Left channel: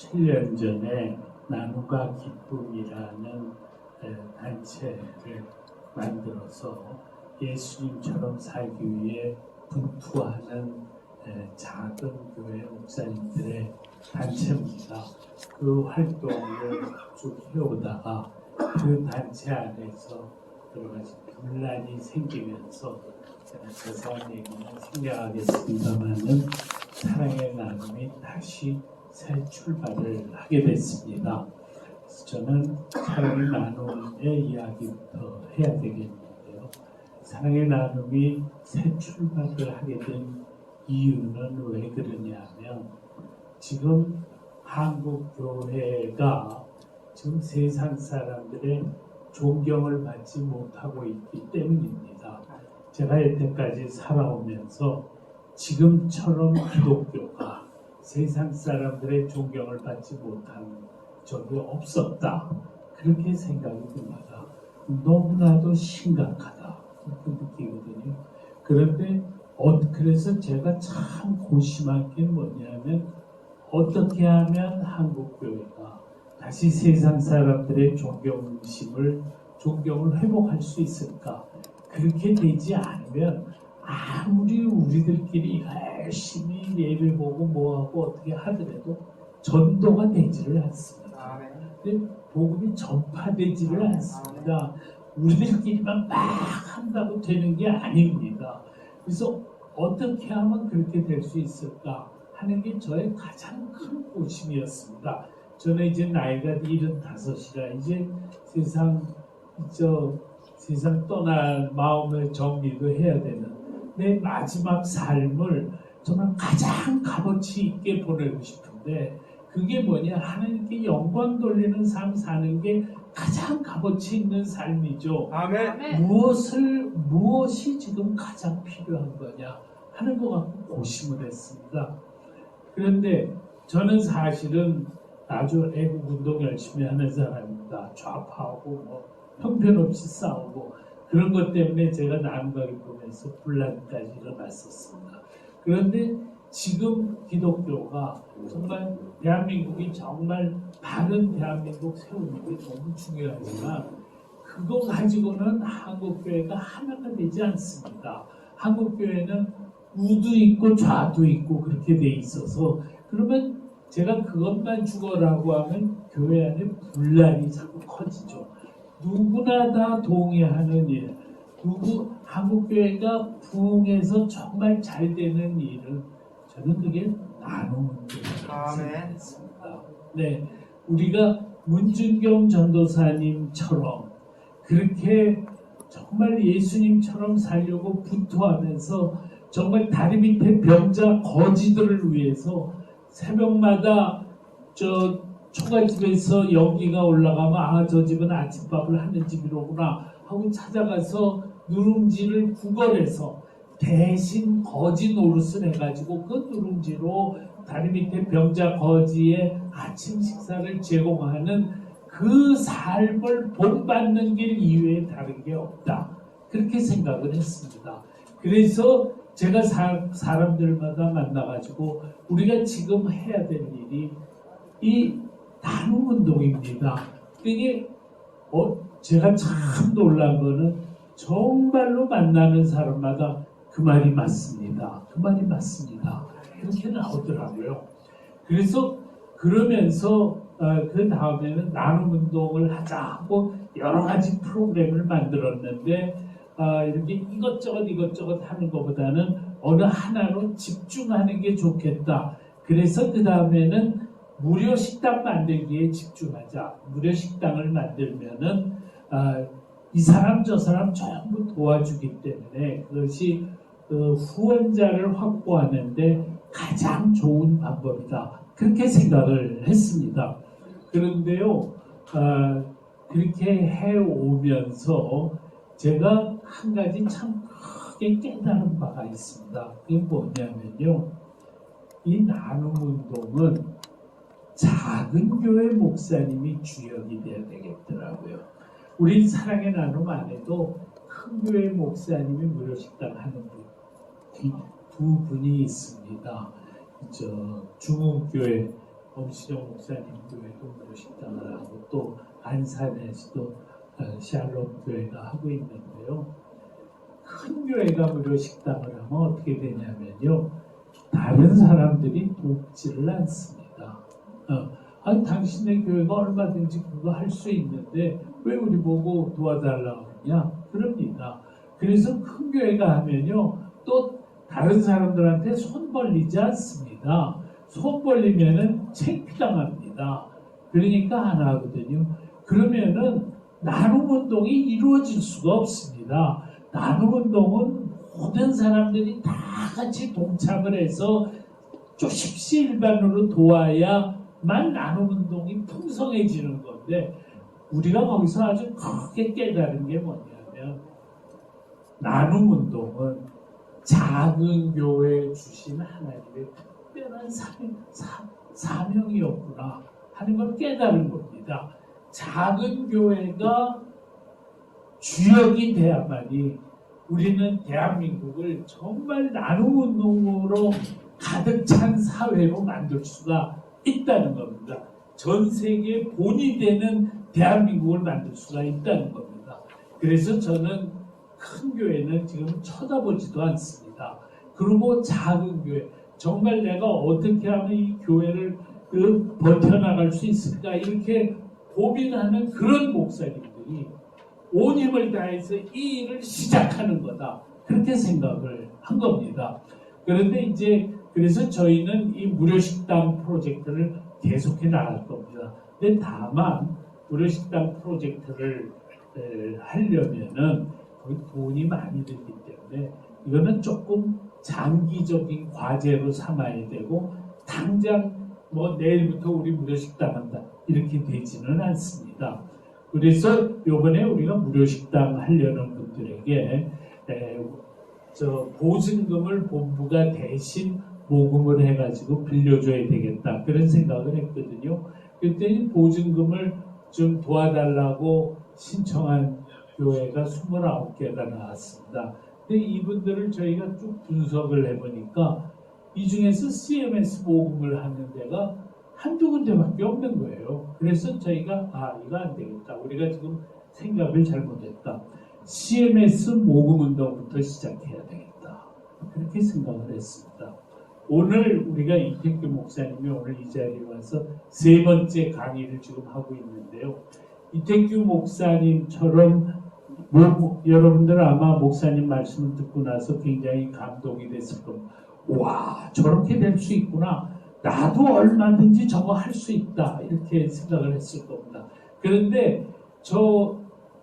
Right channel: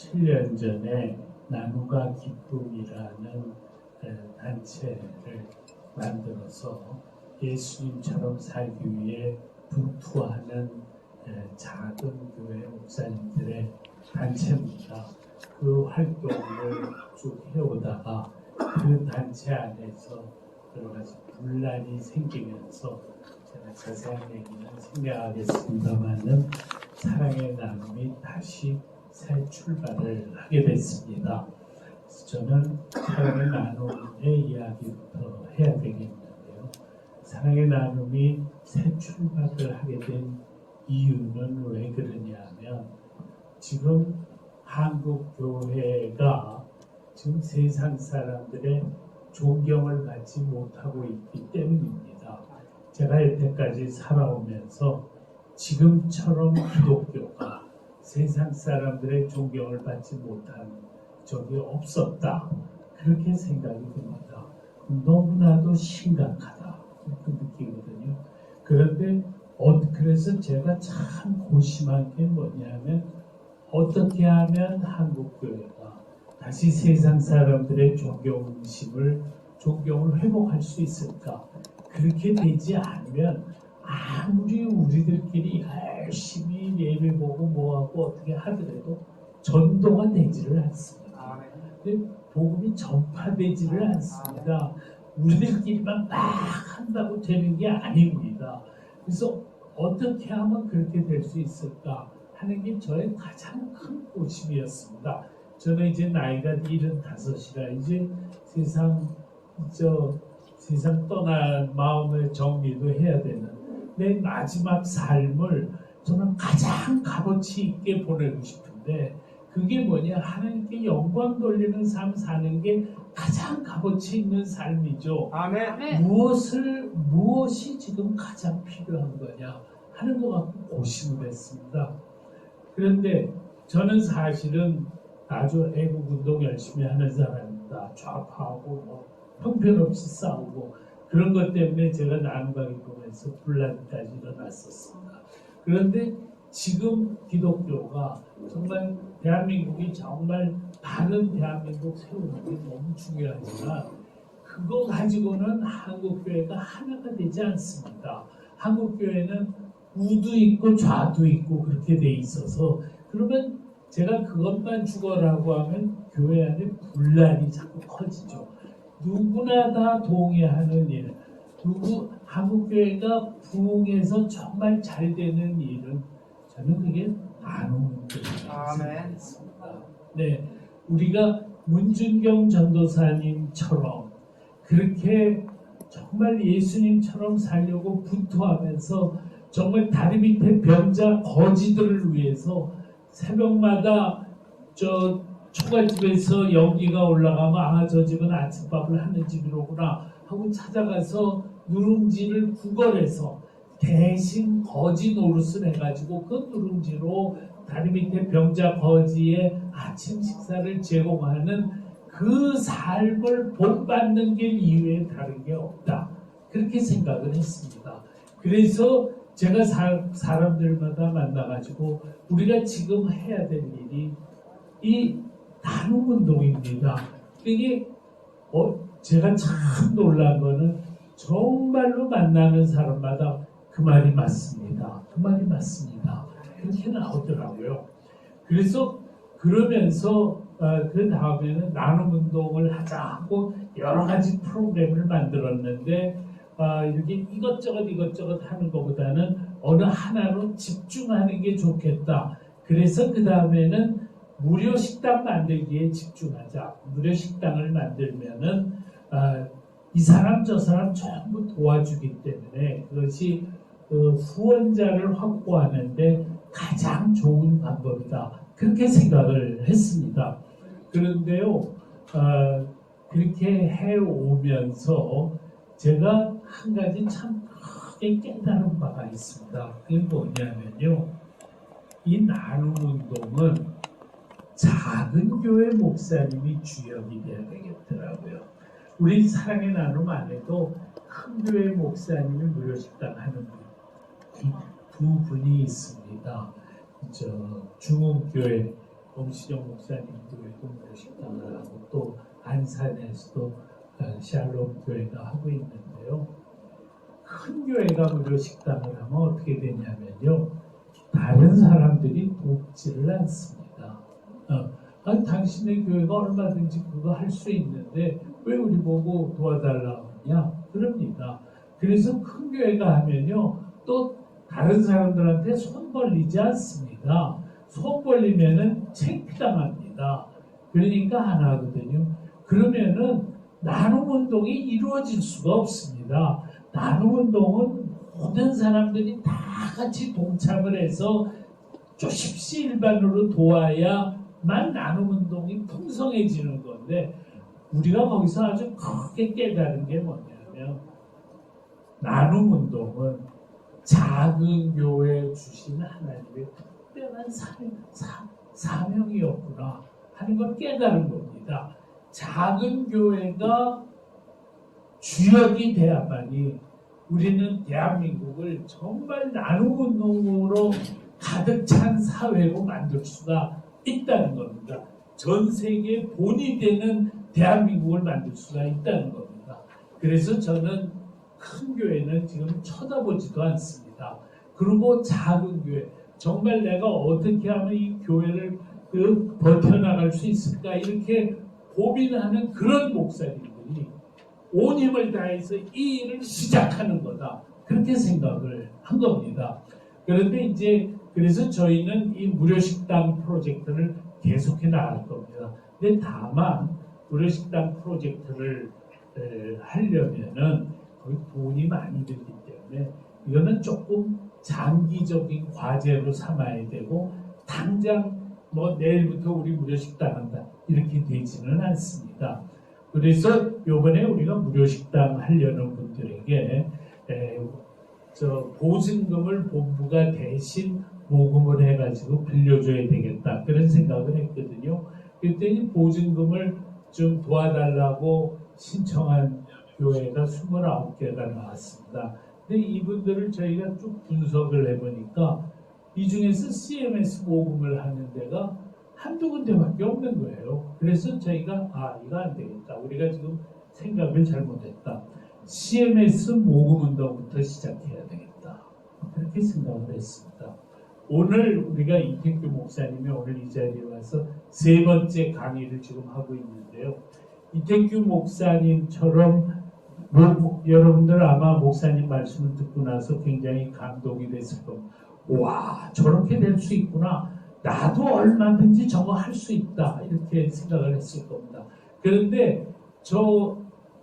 7년 전에 나눔과 기쁨이라는 단체를 만들어서 예수님처럼 살기 위해 분투하는 작은 교회 목사님들의 단체입니다. 그 활동을 쭉 해오다가 그 단체 안에서 여러 가지 분란이 생기면서 제가 자세한 얘기는 생략하겠습니다만은 사랑의 나눔이 다시 새 출발을 하게 됐습니다. 그래서 저는 사랑의 나눔의 이야기부터 해야 되겠는데요. 사랑의 나눔이 새 출발을 하게 된 이유는 왜 그러냐면 지금 한국 교회가 지금 세상 사람들의 존경을 받지 못하고 있기 때문입니다. 제가 여태까지 살아오면서 지금처럼 기독교가 세상 사람들의 존경을 받지 못한 적이 없었다. 그렇게 생각이 듭니다. 너무나도 심각하다. 그렇게 느끼거든요. 그런데 그래서 제가 참 고심한 게 뭐냐면 어떻게 하면 한국교회가 다시 세상 사람들의 존경을 회복할 수 있을까? 그렇게 되지 않으면 아무리 우리들끼리 열심히 예배 보고 뭐하고 어떻게 하더라도 전도가 되지를 않습니다. 복음이 전파되지를 않습니다. 우리들끼리만 막 한다고 되는 게 아닙니다. 그래서 어떻게 하면 그렇게 될 수 있을까 하는 게 저의 가장 큰 고심이었습니다. 저는 이제 나이가 75이라 이제 세상 떠날 마음의 정리도 해야 되는 내 마지막 삶을 정말 가장 값어치 있게 보내고 싶은데 그게 뭐냐 하나님께 영광 돌리는 삶 사는 게 가장 값어치 있는 삶이죠. 아멘. 무엇이 지금 가장 필요한 거냐 하는 것 갖고 고심을 했습니다. 그런데 저는 사실은 아주 애국운동 열심히 하는 사람입니다. 좌파하고 형편없이 싸우고 그런 것 때문에 제가 나눔과 기쁨에서 분란까지 일어났었습니다. 그런데 지금 기독교가 정말 대한민국이 정말 바른 대한민국 세우는 게 너무 중요하지만 그거 가지고는 한국교회가 하나가 되지 않습니다. 한국교회는 우도 있고 좌도 있고 그렇게 돼 있어서 그러면 제가 그것만 죽어라고 하면 교회 안에 분란이 자꾸 커지죠. 누구나 다 동의하는 일, 한국교회가 부흥해서 정말 잘 되는 일은 저는 그게 나눔 일입니다. 네, 우리가 문준경 전도사님처럼 그렇게 정말 예수님처럼 살려고 분투하면서 정말 다리 밑에 병자 거지들을 위해서 새벽마다 초가집에서 연기가 올라가면 저 집은 아침밥을 하는 집이로구나 하고 찾아가서 누룽지를 구걸해서 대신 거지 노릇을 해가지고 그 누룽지로 다리 밑에 병자 거지의 아침 식사를 제공하는 그 삶을 본받는 길 이외에 다른 게 없다. 그렇게 생각을 했습니다. 그래서 제가 사람들마다 만나가지고 우리가 지금 해야 될 일이 이 나눔운동입니다. 이게 제가 참 놀란 거는 정말로 만나는 사람마다 그 말이 맞습니다. 그 말이 맞습니다. 그렇게 나오더라고요. 그래서 그러면서 그 다음에는 나눔운동을 하자 하고 여러 가지 프로그램을 만들었는데 이렇게 이것저것 하는 것보다는 어느 하나로 집중하는 게 좋겠다. 그래서 그 다음에는 무료 식당 만들기에 집중하자. 무료 식당을 만들면은 이 사람 저 사람 전부 도와주기 때문에 그것이 후원자를 확보하는데 가장 좋은 방법이다. 그렇게 생각을 했습니다. 그런데요, 그렇게 해오면서 제가 한 가지 참 크게 깨달은 바가 있습니다. 그게 뭐냐면요, 이 나눔운동은 작은 교회 목사님이 주역이 돼야 되겠더라고요. 우리 사랑의 나눔 안에도 큰 교회 목사님이 무료 식당 하는 두 분이 있습니다. 중흥교회 엄시정 목사님 교회도 무료식당을 하고 또 안산에서도 샬롬 교회가 하고 있는데요. 큰 교회가 무료식당을 하면 어떻게 되냐면요. 다른 사람들이 돕지를 않습니다. 아니 당신의 교회가 얼마든지 그거 할 수 있는데 왜 우리 보고 도와달라고 하냐? 그럽니다. 그래서 큰 교회가 하면요. 또 다른 사람들한테 손 벌리지 않습니다. 손 벌리면은 창피당합니다. 그러니까 안 하거든요. 그러면은 나눔 운동이 이루어질 수가 없습니다. 나눔 운동은 모든 사람들이 다 같이 동참을 해서 십시일반으로 도와야만 나눔 운동이 풍성해지는 건데 우리가 거기서 아주 크게 깨달은 게 뭐냐면 나눔 운동은 작은 교회에 주신 하나님의 특별한 사명이었구나 하는 걸 깨달은 겁니다. 작은 교회가 주역이 돼야만이 우리는 대한민국을 정말 나눔 운동으로 가득 찬 사회로 만들 수가 있다는 겁니다. 전 세계의 본이 되는 대한민국을 만들 수가 있다는 겁니다. 그래서 저는 큰 교회는 지금 쳐다보지도 않습니다. 그리고 작은 교회, 정말 내가 어떻게 하면 이 교회를 버텨나갈 수 있을까 이렇게 고민하는 그런 목사님들이 온 힘을 다해서 이 일을 시작하는 거다. 그렇게 생각을 한 겁니다. 그런데 이제 그래서 저희는 이 무료식당 프로젝트를 계속해 나갈 겁니다. 근데 다만 무료식당 프로젝트를 하려면은 거의 돈이 많이 들기 때문에 이거는 조금 장기적인 과제로 삼아야 되고 당장 뭐 내일부터 우리 무료식당 한다 이렇게 되지는 않습니다. 그래서 요번에 우리가 무료식당 하려는 분들에게 보증금을 본부가 대신 모금을 해가지고 빌려줘야 되겠다 그런 생각을 했거든요. 그랬더니 보증금을 좀 도와달라고 신청한 교회가 29개가 나왔습니다. 근데 이분들을 저희가 쭉 분석을 해보니까 이 중에서 CMS 모금을 하는 데가 한두 군데밖에 없는 거예요. 그래서 저희가 이거 안 되겠다. 우리가 지금 생각을 잘못했다. CMS 모금 운동부터 시작해야 되겠다. 그렇게 생각을 했습니다. 오늘 우리가 이택규 목사님이 오늘 이 자리에 와서 3번째 강의를 지금 하고 있는데요. 이택규 목사님처럼 여러분들 아마 목사님 말씀을 듣고 나서 굉장히 감동이 됐을 겁니다. 와, 저렇게 될 수 있구나. 나도 얼마든지 저거 할 수 있다. 이렇게 생각을 했을 겁니다. 그런데 저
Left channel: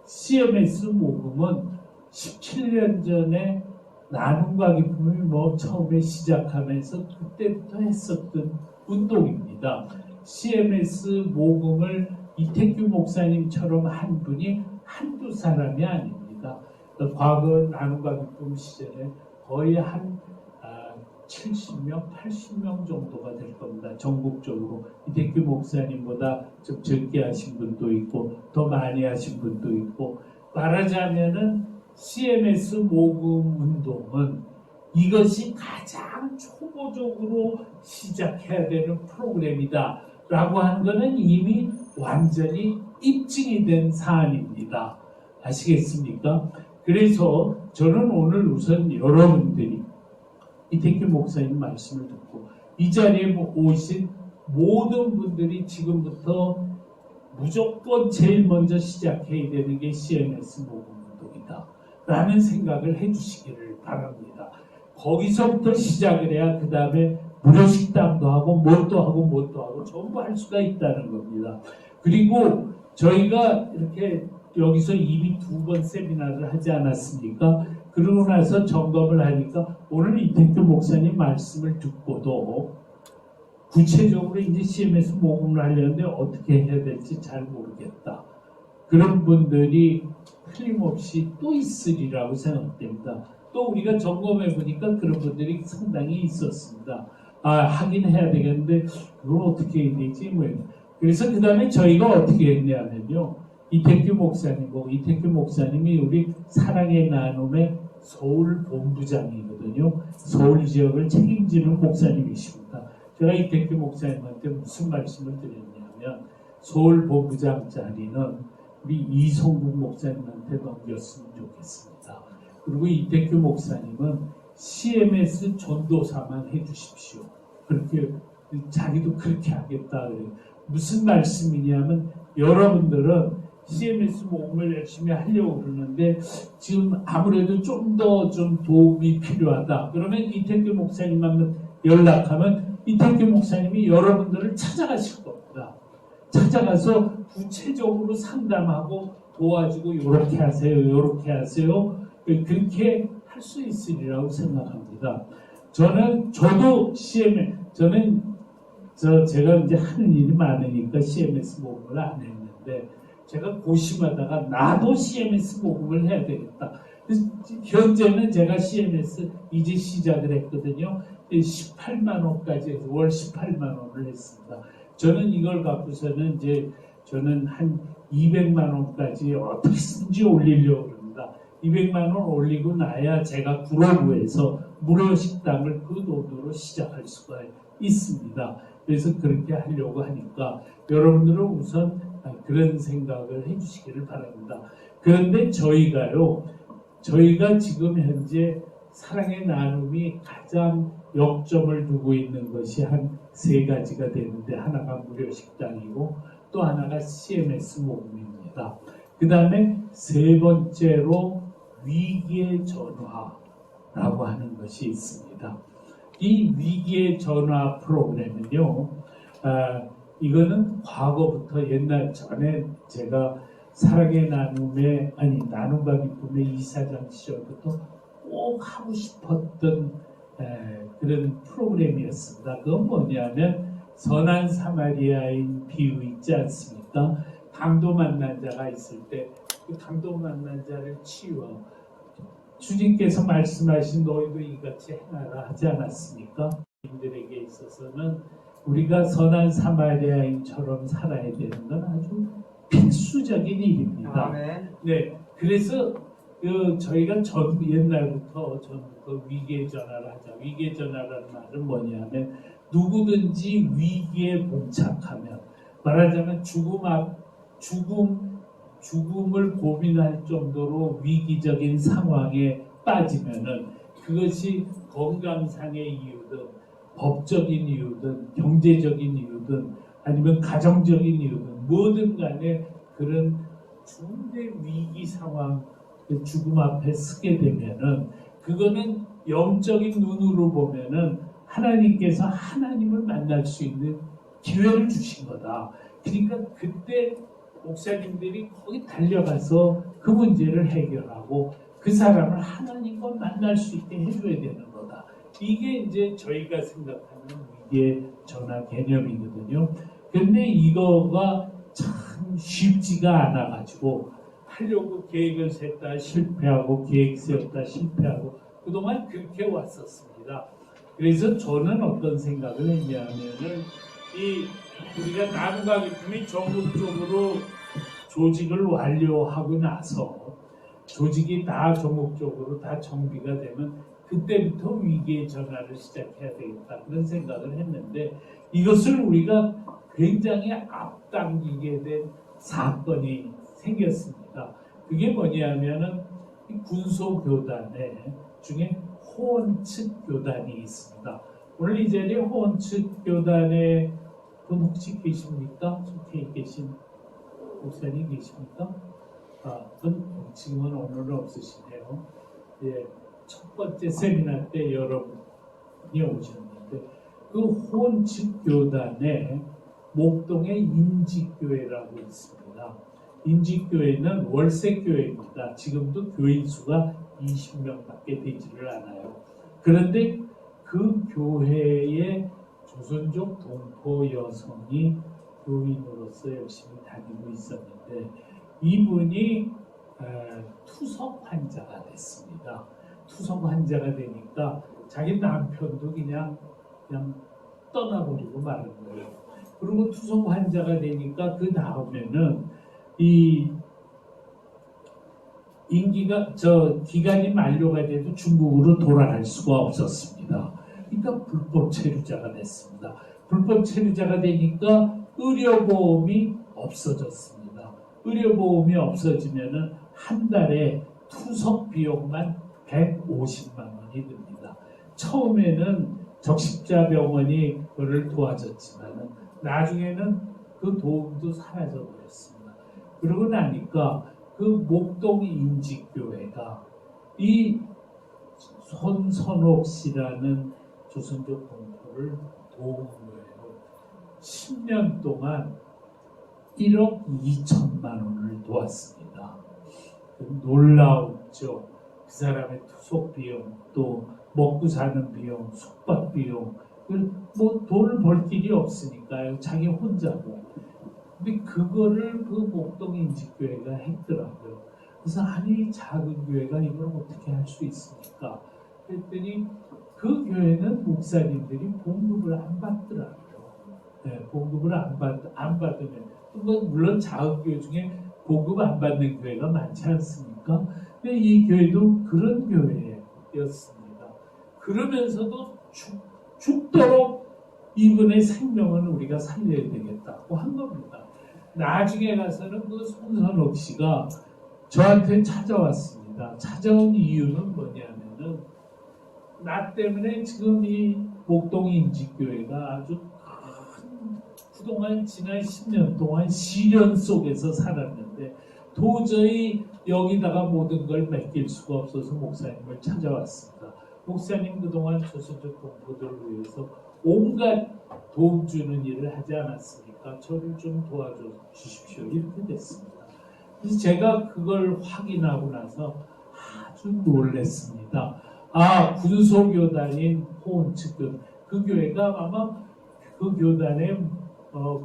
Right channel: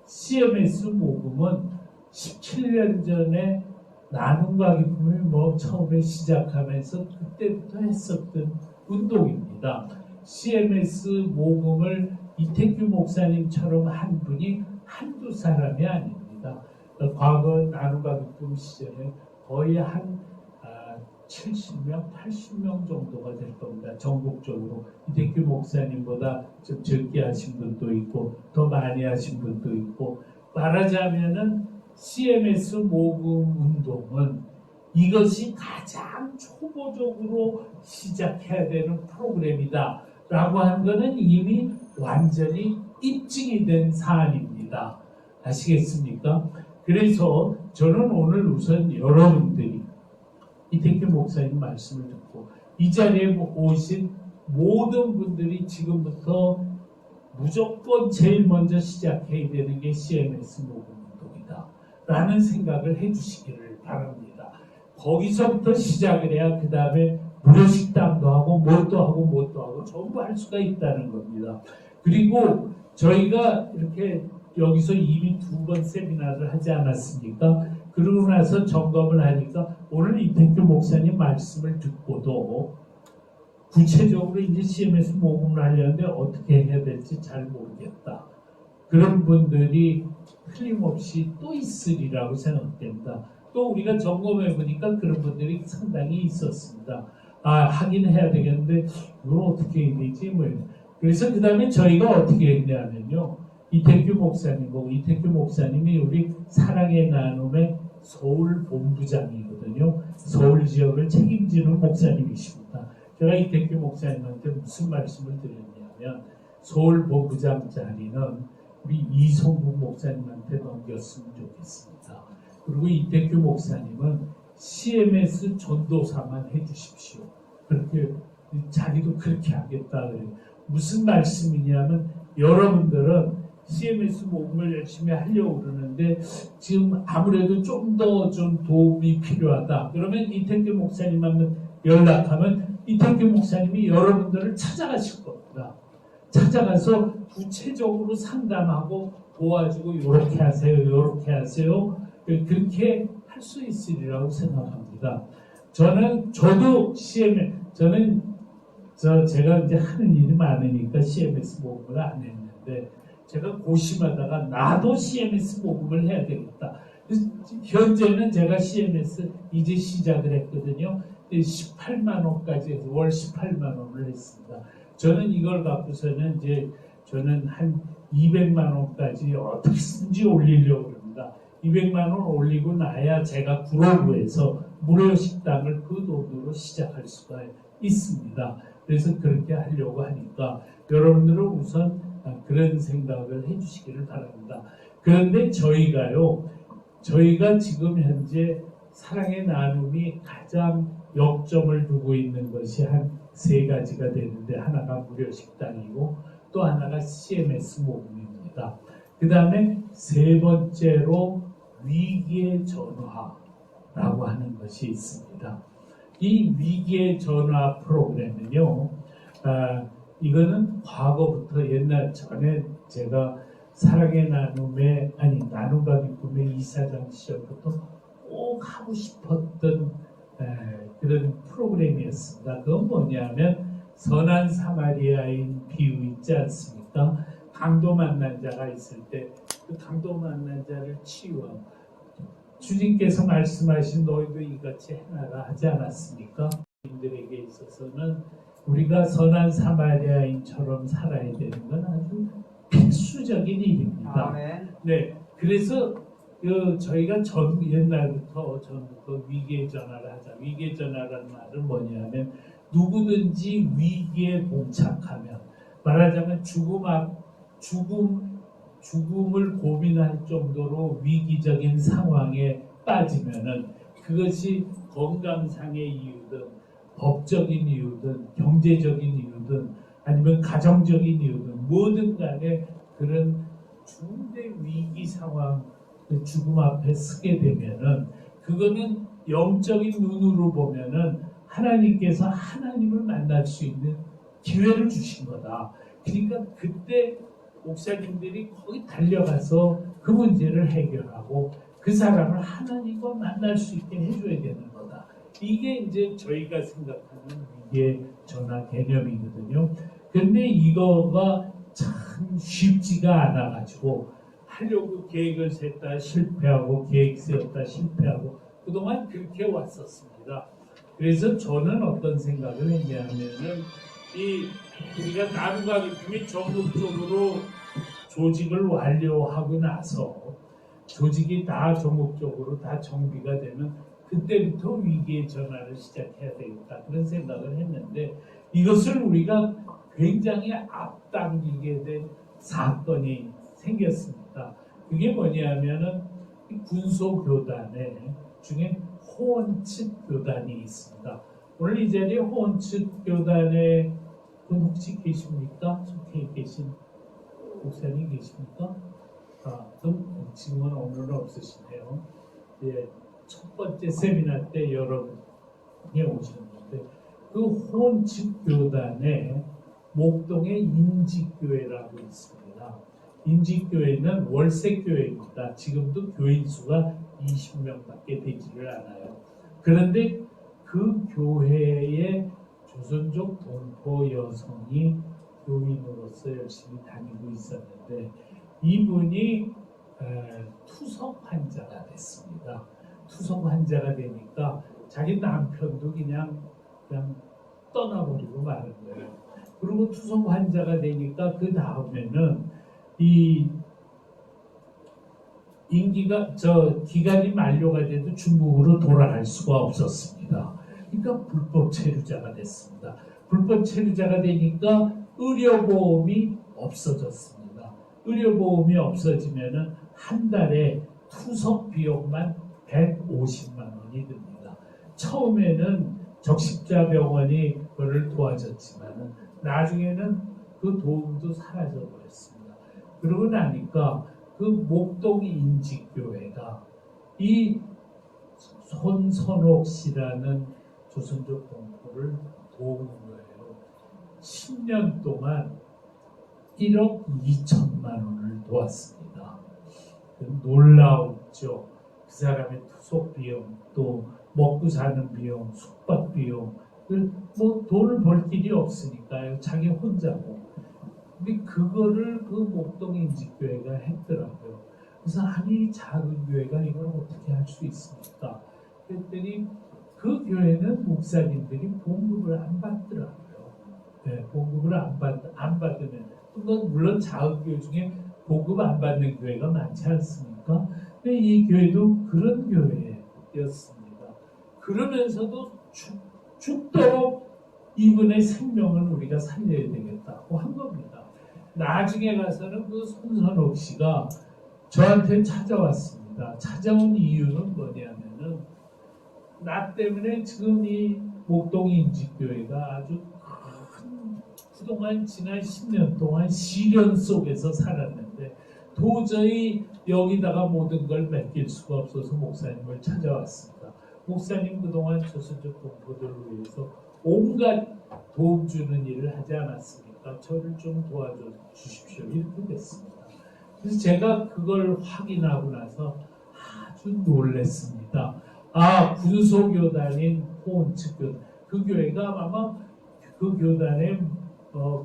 CMS 모금은 17년 전에 나눔과 기쁨을 처음에 시작하면서 그때부터 했었던 운동입니다. CMS 모금을 이택규 목사님처럼 한 분이 한두 사람이 아닙니다. 과거 나눔과 기쁨 시절에 거의 한 70명, 80명 정도가 될 겁니다. 전국적으로 이택규 목사님보다 좀 적게 하신 분도 있고 더 많이 하신 분도 있고 말하자면은 CMS 모금 운동은 이것이 가장 초보적으로 시작해야 되는 프로그램이다 라고 하는 것은 이미 완전히 입증이 된 사안입니다. 아시겠습니까? 그래서 저는 오늘 우선 여러분들이 이택규 목사님 말씀을 듣고 이 자리에 오신 모든 분들이 지금부터 무조건 제일 먼저 시작해야 되는 게 CMS 모금 운동이다 라는 생각을 해주시기를 바랍니다. 거기서부터 시작을 해야 그 다음에 무료식당도 하고 뭣도 하고 뭣도 하고 전부 할 수가 있다는 겁니다. 그리고 저희가 이렇게 여기서 이미 2번 세미나를 하지 않았습니까? 그러고 나서 점검을 하니까 오늘 이택규 목사님 말씀을 듣고도 구체적으로 이제 CMS 모금을 하려는데 어떻게 해야 될지 잘 모르겠다. 그런 분들이 틀림없이 또 있으리라고 생각됩니다. 또 우리가 점검해 보니까 그런 분들이 상당히 있었습니다. 하긴 해야 되겠는데 그걸 어떻게 해야 되지? 그래서 그 다음에 저희가 어떻게 했냐면요. 이택규 목사님이 우리 사랑의 나눔의 서울 본부장이거든요. 서울 지역을 책임지는 목사님이십니다. 제가 이태규 목사님한테 무슨 말씀을 드렸냐면 서울 본부장 자리는 우리 이성국 목사님한테 넘겼으면 좋겠습니다. 그리고 이태규 목사님은 CMS 전도사만 해주십시오. 그렇게 자기도 그렇게 하겠다 그래요. 무슨 말씀이냐면 여러분들은 CMS 모금을 열심히 하려고 그러는데 지금 아무래도 좀 더 좀 도움이 필요하다. 그러면 이태규 목사님하고 연락하면 이태규 목사님이 여러분들을 찾아가실 겁니다. 찾아가서 구체적으로 상담하고 도와주고 이렇게 하세요, 이렇게 하세요. 그렇게 할 수 있으리라고 생각합니다. 저도 제가 이제 하는 일이 많으니까 CMS 모금을 안 했는데 제가 고심하다가 나도 CMS 모금을 해야 되겠다. 현재는 제가 CMS 이제 시작을 했거든요. 18만 원까지 해서 월 18만 원을 했습니다. 저는 이걸 갖고서는 이제 저는 한 200만 원까지 어떻게든지 올리려고 합니다. 200만 원 올리고 나야 제가 구로구에서 무료 식당을 그 돈으로 시작할 수가 있습니다. 그래서 그렇게 하려고 하니까 여러분들은 우선 그런 생각을 해주시기를 바랍니다. 그런데 저희가 지금 현재 사랑의 나눔이 가장 역점을 두고 있는 것이 한 3가지가 되는데 하나가 무료 식당이고 또 하나가 CMS 모금입니다. 그 다음에 3번째로 위기의 전화라고 하는 것이 있습니다. 이 위기의 전화 프로그램은요, 이거는 과거부터 옛날 전에 제가 사랑의 나눔의 나눔과 기쁨의 이사장 시절부터 꼭 하고 싶었던 그런 프로그램이었습니다. 그건 뭐냐면 선한 사마리아인 비유 있지 않습니까? 강도 만난 자가 있을 때 그 강도 만난 자를 치유하고 주님께서 말씀하신 너희도 이같이 행하라 하지 않았습니까? 인들에게 있어서는 우리가 선한 사마리아인처럼 살아야 되는 건 아주 필수적인 일입니다. 네, 그래서 저희가 옛날부터 위기의 전화를 하자. 위기의 전화라는 말은 뭐냐면 누구든지 위기에 봉착하면 말하자면 죽음을 고민할 정도로 위기적인 상황에 빠지면은 그것이 건강상의 이유든 법적인 이유든 경제적인 이유든 아니면 가정적인 이유든 뭐든 간에 그런 중대 위기 상황 죽음 앞에 서게 되면은 그거는 영적인 눈으로 보면은 하나님께서 하나님을 만날 수 있는 기회를 주신 거다. 그러니까 그때 목사님들이 거기 달려가서 그 문제를 해결하고 그 사람을 하나님과 만날 수 있게 해줘야 되는 거다. 이게 이제 저희가 생각하는 위기의 전화 개념이거든요. 근데 이거가 참 쉽지가 않아가지고 하려고 계획을 셌다 실패하고 계획 세웠다 실패하고 그동안 그렇게 왔었습니다. 그래서 저는 어떤 생각을 했냐면은 우리가 나눔과 기쁨이 전국적으로 조직을 완료하고 나서 조직이 다 전국적으로 다 정비가 되면 그때부터 위기의 전환을 시작해야 되겠다 그런 생각을 했는데 이것을 우리가 굉장히 앞당기게 된 사건이 생겼습니다. 그게 뭐냐면은 군소교단에 중에 호원측 교단이 있습니다. 오늘 이 자리에 호원측 교단에 분 혹시 계십니까? 속해 계신 목사님 계십니까? 그건 지금은 오늘은 없으시네요. 예, 첫 번째 세미나 때 여러분이 오셨는데 그 호원측 교단에 목동에 임직교회라고 있습니다. 임직교회는 월세교회입니다. 지금도 교인 수가 20명밖에 되지를 않아요. 그런데 그 교회에 조선족 동포 여성이 교인으로서 열심히 다니고 있었는데 이분이 투석 환자가 됐습니다. 투석 환자가 되니까 자기 남편도 그냥 떠나버리고 마는 거예요. 그리고 투석 환자가 되니까 그 다음에는 이 기간이 만료가 돼도 중국으로 돌아갈 수가 없었습니다. 그러니까 불법 체류자가 됐습니다. 불법 체류자가 되니까 의료보험이 없어졌습니다. 의료보험이 없어지면은 한 달에 투석 비용만 150만 원이 듭니다. 처음에는 적십자병원이 그를 도와줬지만 나중에는 그 도움도 사라져 버렸습니다. 그러고 나니까 그 목동 인직교회가 이 손선옥 씨라는 조선족 동포를 도운 거예요. 10년 동안 1억 2천만 원을 도왔습니다. 놀라웠죠. 그 사람의 투속 비용, 또 먹고 사는 비용, 숙박 비용, 뭐 돈을 벌 길이 없으니까요. 자기 혼자고. 근데 그거를 그 목동 인직교회가 했더라고요. 그래서 아니 작은 교회가 이걸 어떻게 할 수 있습니까? 그랬더니 그 교회는 목사님들이 봉급을 안 받더라고요. 네, 봉급을 안 받으면 뭐 물론 작은 교회 중에 봉급 안 받는 교회가 많지 않습니까? 근데 이 교회도 그런 교회였습니다. 그러면서도 죽도록 이분의 생명을 우리가 살려야 되겠다고 한 겁니다. 나중에 가서는 그 손선옥 씨가 저한테 찾아왔습니다. 찾아온 이유는 뭐냐면은 나 때문에 지금 이 목동 인직교회가 아주 큰 그동안 지난 10년 동안 시련 속에서 살았는데 도저히 여기다가 모든 걸 맡길 수가 없어서 목사님을 찾아왔습니다. 목사님 그동안 조선족 동포들을 위해서 온갖 도움 주는 일을 하지 않았습니까? 저를 좀 도와줘 주십시오. 이렇게 됐습니다. 그래서 제가 그걸 확인하고 나서 아주 놀랐습니다. 아, 군소교단인 호원측교단, 그 교회가 아마 그 교단의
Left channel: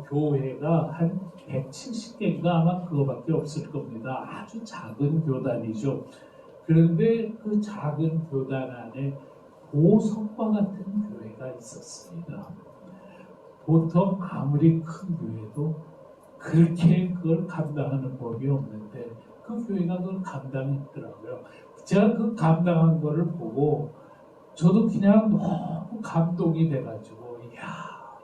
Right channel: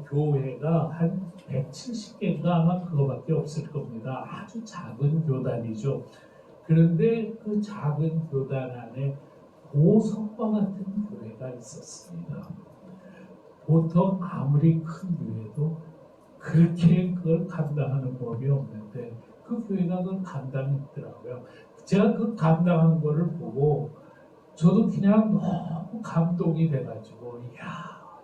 교회가 한 170개인가 아마 그거밖에 없을 겁니다. 아주 작은 교단이죠. 그런데 그 작은 교단 안에 보석과 같은 교회가 있었습니다. 보통 아무리 큰 교회도 그렇게 그걸 감당하는 법이 없는데 그 교회가 그걸 감당했더라고요. 제가 그 감당한 거를 보고 저도 그냥 너무 감동이 돼가지고 이야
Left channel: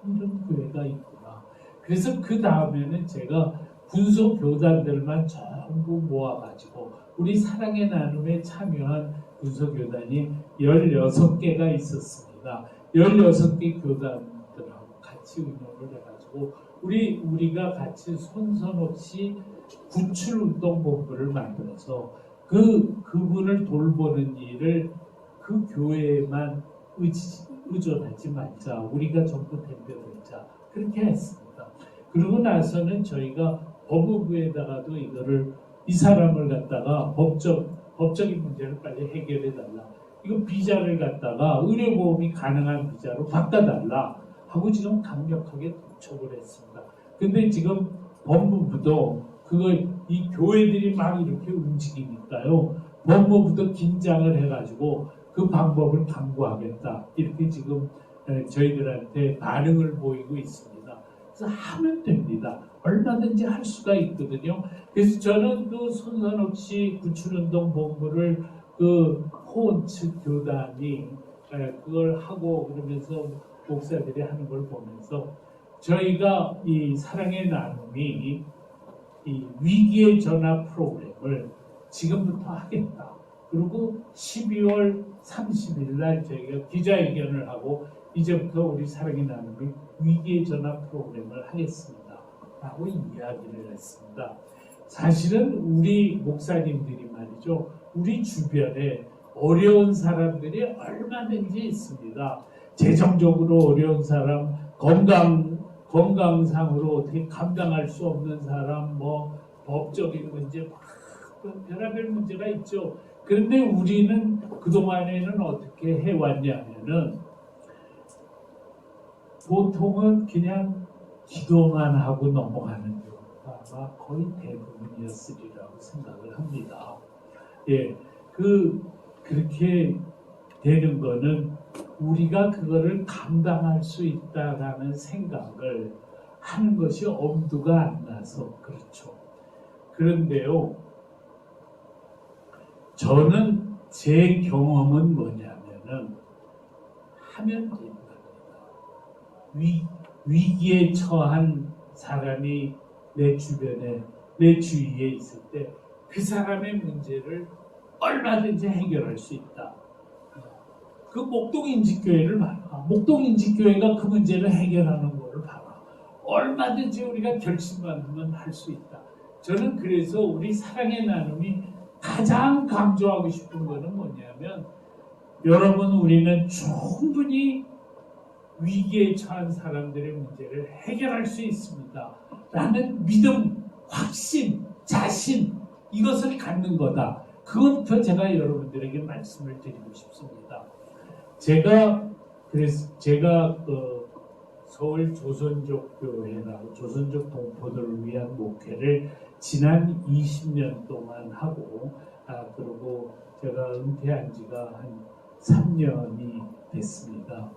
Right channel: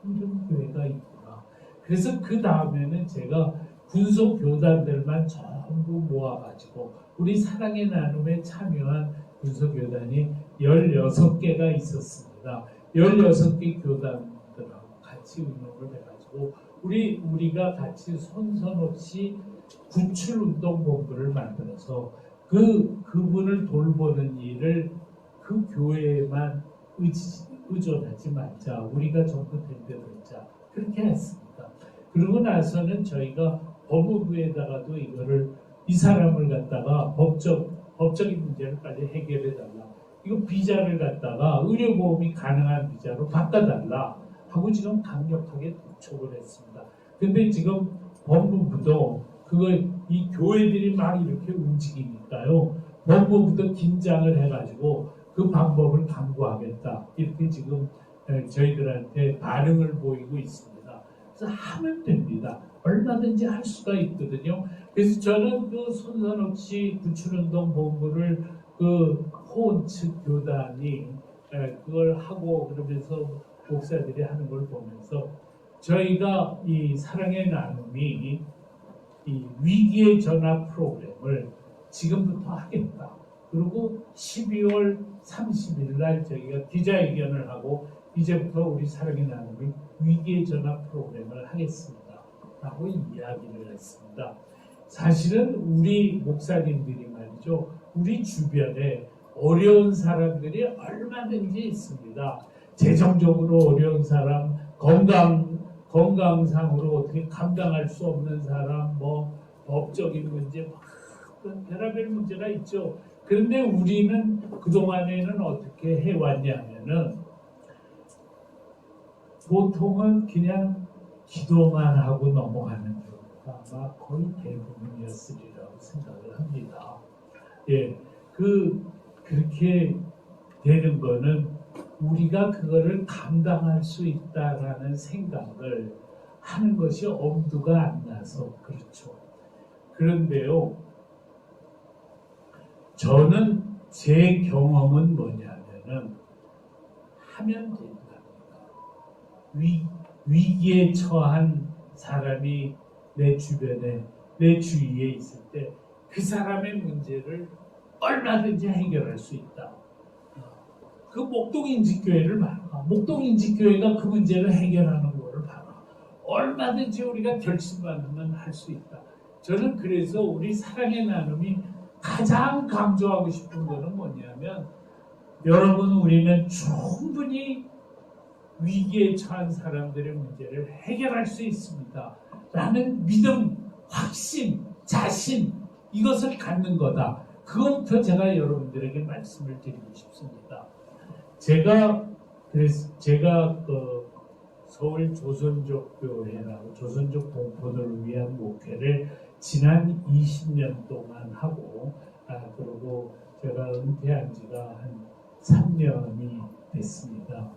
이런 교회가 있구나. 그래서 그 다음에는 제가 군소 교단들만 전부 모아가지고 우리 사랑의 나눔에 참여한 군소 교단이 16개가 있었습니다. 16개 교단들하고 같이 운영을 해가지고 우리가 같이 손선옥 씨 구출운동본부를 만들어서 그분을 돌보는 일을 그 교회에만 의존하지 말자. 우리가 전부 덤벼들자. 그렇게 했습니다. 그러고 나서는 저희가 법무부에다가도 이 사람을 갖다가 법적인 문제를 빨리 해결해달라. 이거 비자를 갖다가 의료보험이 가능한 비자로 바꿔달라 하고 지금 강력하게 독촉을 했습니다. 근데 지금 법무부도 이 교회들이 막 이렇게 움직이니까요. 법무부도 긴장을 해가지고 그 방법을 강구하겠다. 이렇게 지금 저희들한테 반응을 보이고 있습니다. 그래서 하면 됩니다. 얼마든지 할 수가 있거든요. 그래서 저는 그 손선옥 씨 구출운동 본부를 그 호원측 교단이 그걸 하고 그러면서 목사들이 하는 걸 보면서 저희가 이 사랑의 나눔이 이 위기의 전화 프로그램을 지금부터 하겠다. 그리고 12월 30일 날 저희가 기자회견을 하고 이제부터 우리 사랑의 나눔이 위기의 전화 프로그램을 하겠습니다. 라고 이야기를 했습니다. 사실은 우리 목사님들이 말이죠. 우리 주변에 어려운 사람들이 얼마든지 있습니다. 재정적으로 어려운 사람, 건강상으로 어떻게 감당할 수 없는 사람, 뭐 법적인 문제, 별의별 문제가 있죠. 그런데 우리는 그동안에는 어떻게 해왔냐면은 보통은 그냥 기도만 하고 넘어가는 경우가 아마 거의 대부분이었으리라고 생각을 합니다. 예, 그렇게 되는 거는 우리가 그거를 감당할 수 있다라는 생각을 하는 것이 엄두가 안 나서 그렇죠. 그런데요, 저는 제 경험은 뭐냐면은 하면 됩니다. 위기에 처한 사람이 내 주변에, 내 주위에 있을 때 그 사람의 문제를 얼마든지 해결할 수 있다. 그 목동인지교회를 봐라. 목동인지교회가 그 문제를 해결하는 거를 봐라. 얼마든지 우리가 결심만 하면 할 수 있다. 저는 그래서 우리 사랑의 나눔이 가장 강조하고 싶은 거는 뭐냐면, 여러분, 우리는 충분히 위기에 처한 사람들의 문제를 해결할 수 있습니다. 라는 믿음, 확신, 자신, 이것을 갖는 거다. 그것부터 제가 여러분들에게 말씀을 드리고 싶습니다. 제가 그 서울 조선족 교회라고 조선족 동포들을 위한 목회를 지난 20년 동안 하고, 그리고 제가 은퇴한 지가 한 3년이 됐습니다.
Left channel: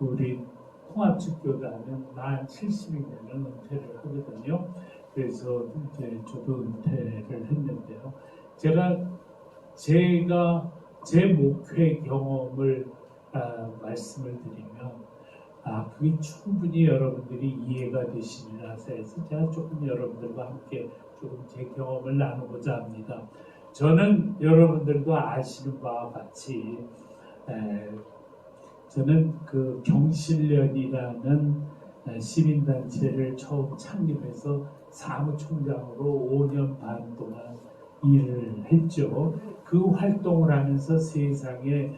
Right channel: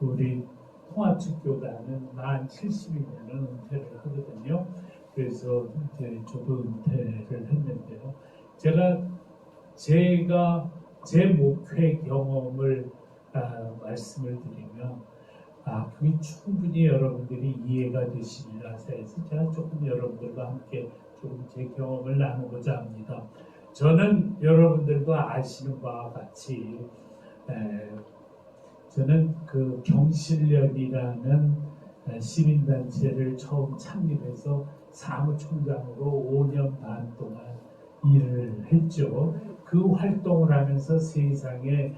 우리 통합측 교단은 만 70이면 은퇴를 하거든요. 그래서 이제 저도 은퇴를 했는데요. 제가 제 목회 경험을 말씀을 드리면, 그게 충분히 여러분들이 이해가 되시리라 해서 제가 조금 여러분들과 함께 조금 제 경험을 나누고자 합니다. 저는 여러분들도 아시는 바와 같이 저는 그 경실련이라는 시민단체를 처음 창립해서 사무총장으로 5년 반 동안 일을 했죠. 그 활동을 하면서 세상에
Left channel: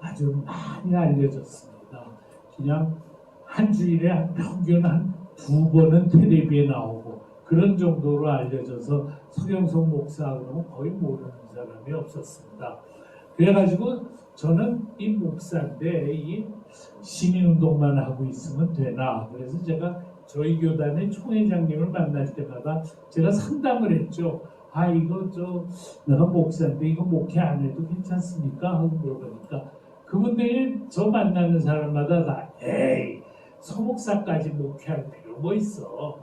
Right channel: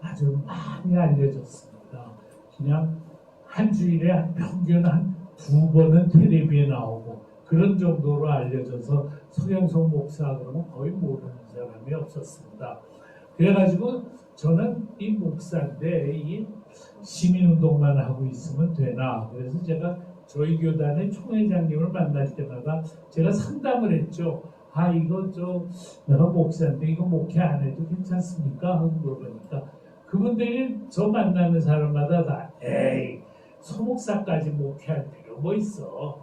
아주 많이 알려졌습니다. 그냥 한 주일에 평균 한 2번은 텔레비에 나오고 그런 정도로 알려져서 서경석 목사 그러면 거의 모르는 사람이 없었습니다. 그래가지고 저는 이 목사인데 이 시민운동만 하고 있으면 되나, 그래서 제가 저희 교단의 총회장님을 만날 때마다 제가 상담을 했죠. 이거 내가 목사인데 이거 목회 안 해도 괜찮습니까? 하고 물어보니까 그분들이 저 만나는 사람마다 다 에이, 소목사까지 목회할 필요 뭐 있어?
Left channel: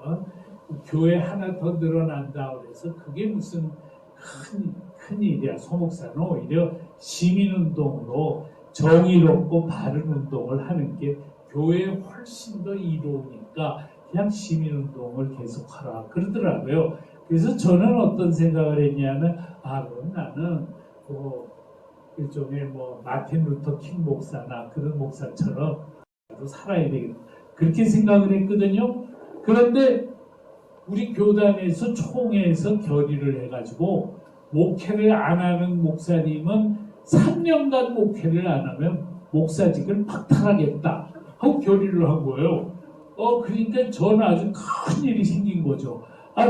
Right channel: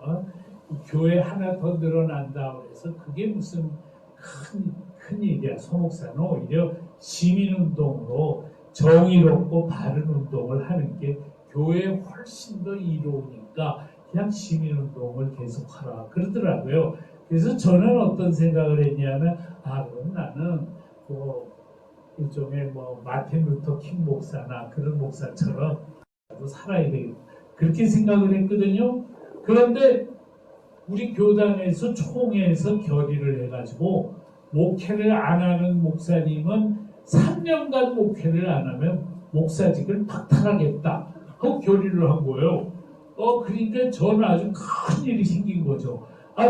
교회 하나 더 늘어난다 그래서 그게 무슨 큰 일이야. 소목사는 오히려 시민운동으로 정의롭고 바른 운동을 하는 게 교회에 훨씬 더 이로우니까 그냥 시민운동을 계속하라 그러더라고요. 그래서 저는 어떤 생각을 했냐면, 그럼 나는 일종의 마틴 루터 킹 목사나 그런 목사처럼 살아야 되겠다, 그렇게 생각을 했거든요. 그런데 우리 교단에서 총회에서 결의를 해가지고 목회를 안 하는 목사님은 3년간 목회를 안 하면 목사직을 박탈하겠다 하고 결의를 한 거예요. 그러니까 저는 아주 큰 일이 생긴 거죠.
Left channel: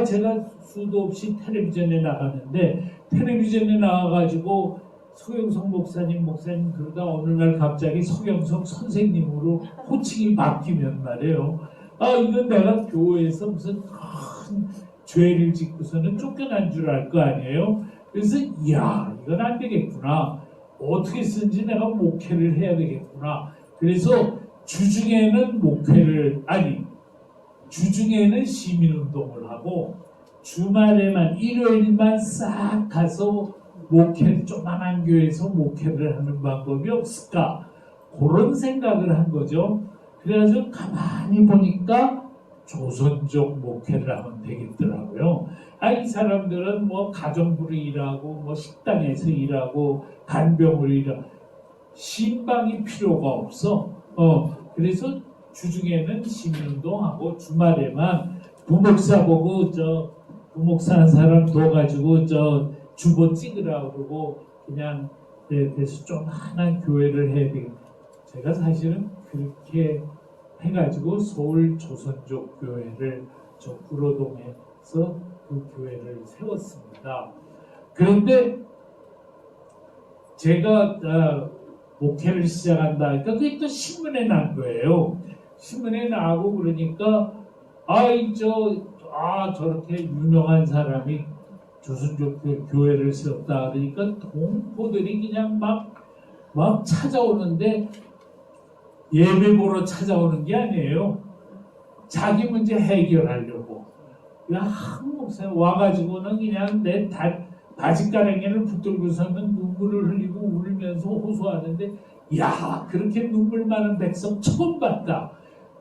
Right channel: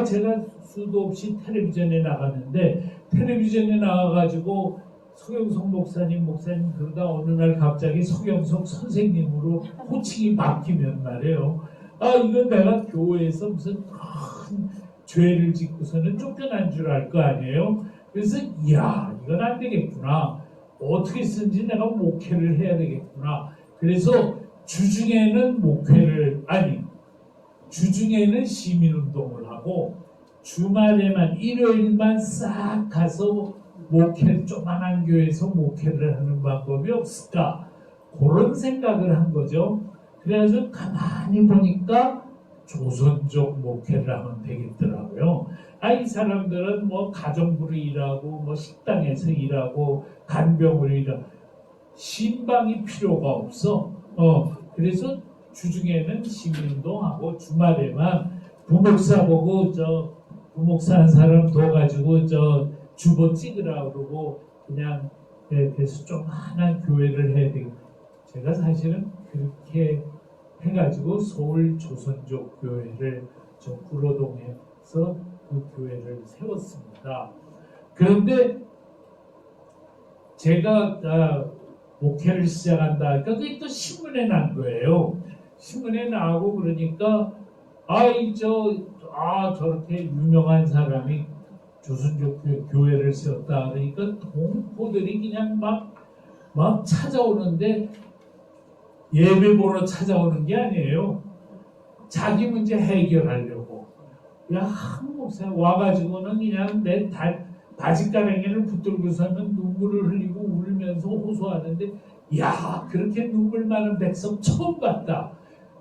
제가 수도 없이 텔레비전에 나갔는데, 텔레비전에 나와가지고 서경석 목사님 그러다 어느 날 갑자기 서경석 선생님으로 호칭이 바뀌면 말이에요. 이건 내가 교회에서 무슨 큰 죄를 짓고서는 쫓겨난 줄 알 거 아니에요. 그래서 이건 안 되겠구나. 어떻게 쓰는지 내가 목회를 해야 되겠구나. 그래서 주중에는 주중에는 시민운동을 하고 주말에만, 일요일만 싹 가서 조그만한 교회에서 목회를 하는 방법이 없을까, 그런 생각을 한 거죠. 그래서 가만히 보니까 조선족 목회를 하면 되겠더라고요. 이 사람들은 가정부로 일하고 식당에서 일하고 간병으로 일하고 신방이 필요가 없어. 그래서 주중에는 시민운동하고 주말에만 부목사 보고 부목사 한 사람 둬가지고 주보 찍으라 그러고 그냥 그래서 조그만한 교회를 해야 되겠다. 제가 사실은 그렇게 해가지고 서울 조선족 교회를 구로동에서 그 교회를 세웠습니다. 그런데 제가 목회를 시작한다. 그게 또 신문에 난 거예요. 신문에 나오고 그러니까 저렇게 유명한 사람이 조선족 교회를 세웠다 그러니까 동포들이 그냥 막 찾아오는데, 예배 보러 찾아오는 게 아니에요. 자기 문제 해결하려고. 한 목사 와가지고는 그냥 내 바지가랑이를 붙들고서는 눈물을 흘리고 울면서 호소하는데, 야, 그렇게 눈물 많은 백성 처음 봤다.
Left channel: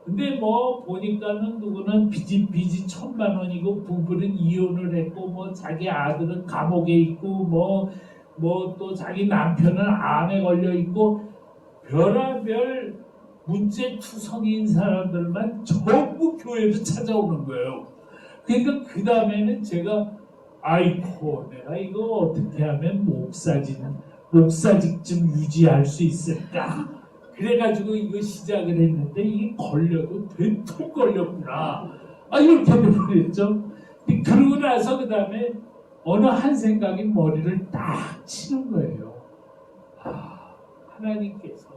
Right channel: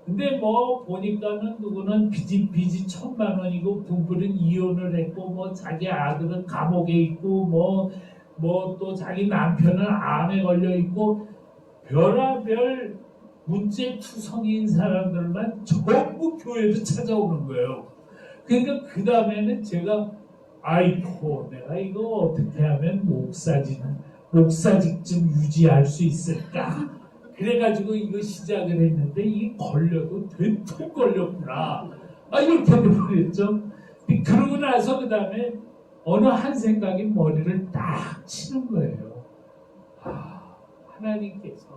근데 뭐 보니까는 누구는 빚이 1,000만 원이고 부부는 이혼을 했고 뭐 자기 아들은 감옥에 있고 뭐 또 자기 남편은 암에 걸려 있고 별의별 문제투성이인 사람들만 전부 교회도 찾아오는 거예요. 그러니까 그 다음에는 제가 아이고 내가 이거 어떻게 하면 목사직 좀 유지할 수 있을까? 그래가지고 이거 시작을 했는데 이게 걸려도 된통 걸렸구나. 이렇게 돼버렸죠. 그러고 나서 그 다음에 어느 한 생각이 머리를 딱 치는 거예요. 하나님께서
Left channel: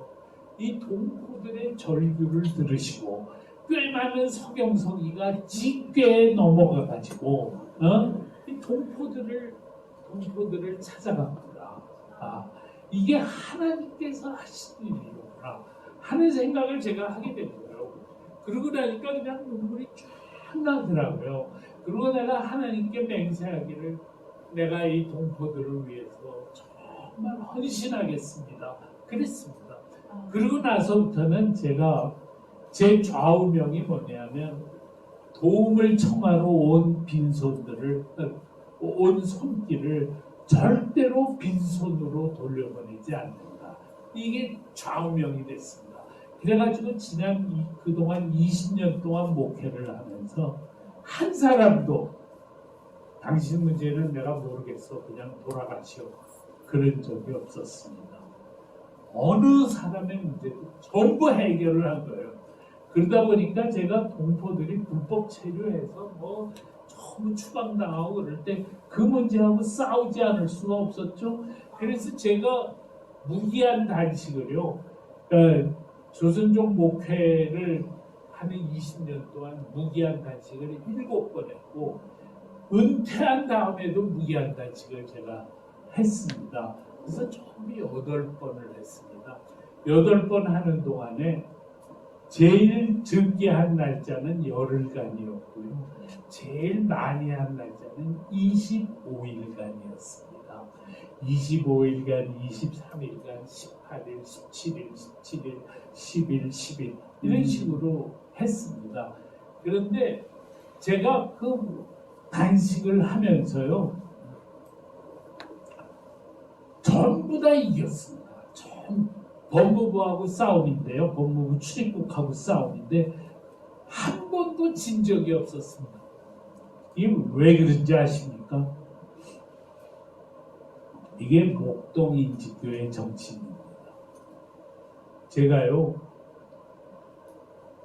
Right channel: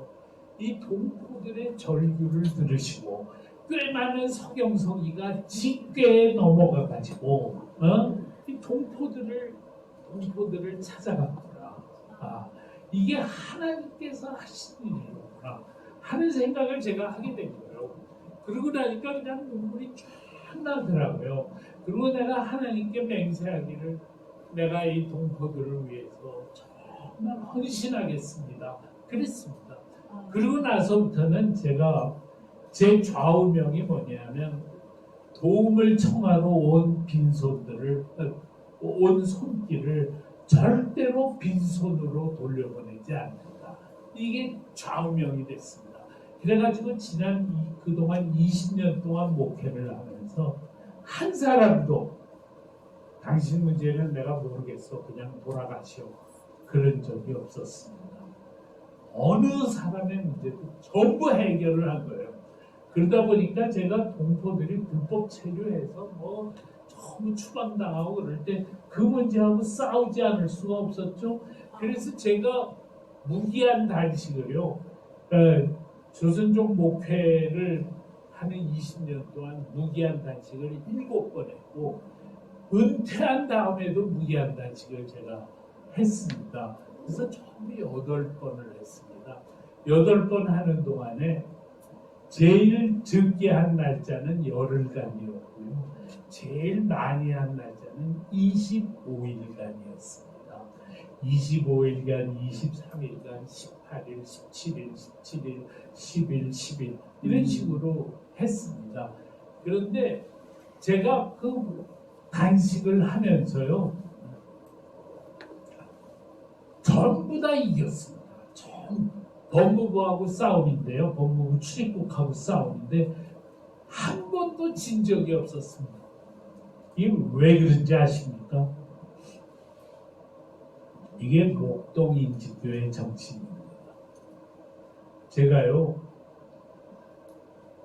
이 동포들의 절규를 들으시고 꽤 많은 서경서기가 찌꽤 넘어가가지고 이 동포들을 찾아갔구나. 이게 하나님께서 하신 일이구나 하는 생각을 제가 하게 된 거예요. 그러고 나니까 그냥 눈물이 쫙 나더라고요. 그리고 내가 하나님께 맹세하기를 내가 이 동포들을 위해서 정말 헌신하겠습니다. 그랬습니다. 그러고 나서부터는 제가 제 좌우명이 뭐냐면 도움을 청하러 온 손길을 절대로 빈손으로 돌려보내지 않는다. 이게 좌우명이 됐습니다. 그래가지고 그동안 20년 동안 목회를 하면서 한 사람도 당신 문제를 내가 모르겠어 그냥 돌아가시오 그런 적이 없었습니다. 어느 사람의 문제도 전부 해결을 한 거예요. 그러다 보니까 제가 동포들이 불법 체류해서 뭐 너무 추방당하고 그럴 때 그 문제하고 싸우지 않을 수가 없었죠. 그래서 제가 무기한 단식을요. 조선족 목회를 하는 20년 동안 무기한 단식을 7번 했고 은퇴한 다음에도 무기한 단식을 제가 했습니다. 그래서 처음에 8번을 했습니다. 8번 하는 동안에 제일 적게 한 날짜는 열흘간이었고요. 제일 많이 한 날짜는 25일간이었습니다. 25일간, 23일간, 18일, 17일, 17일, 10일, 10일 이런 식으로 했습니다. 그런데 제가 그 단식을 하면서요. 전부 다 이겼습니다. 법무부하고 싸움인데요. 법무부 출입국하고 싸움인데 한 번도 진 적이 없었습니다. 이게 왜 그런지 아십니까? 이게 목동인지교의 정신입니다. 제가요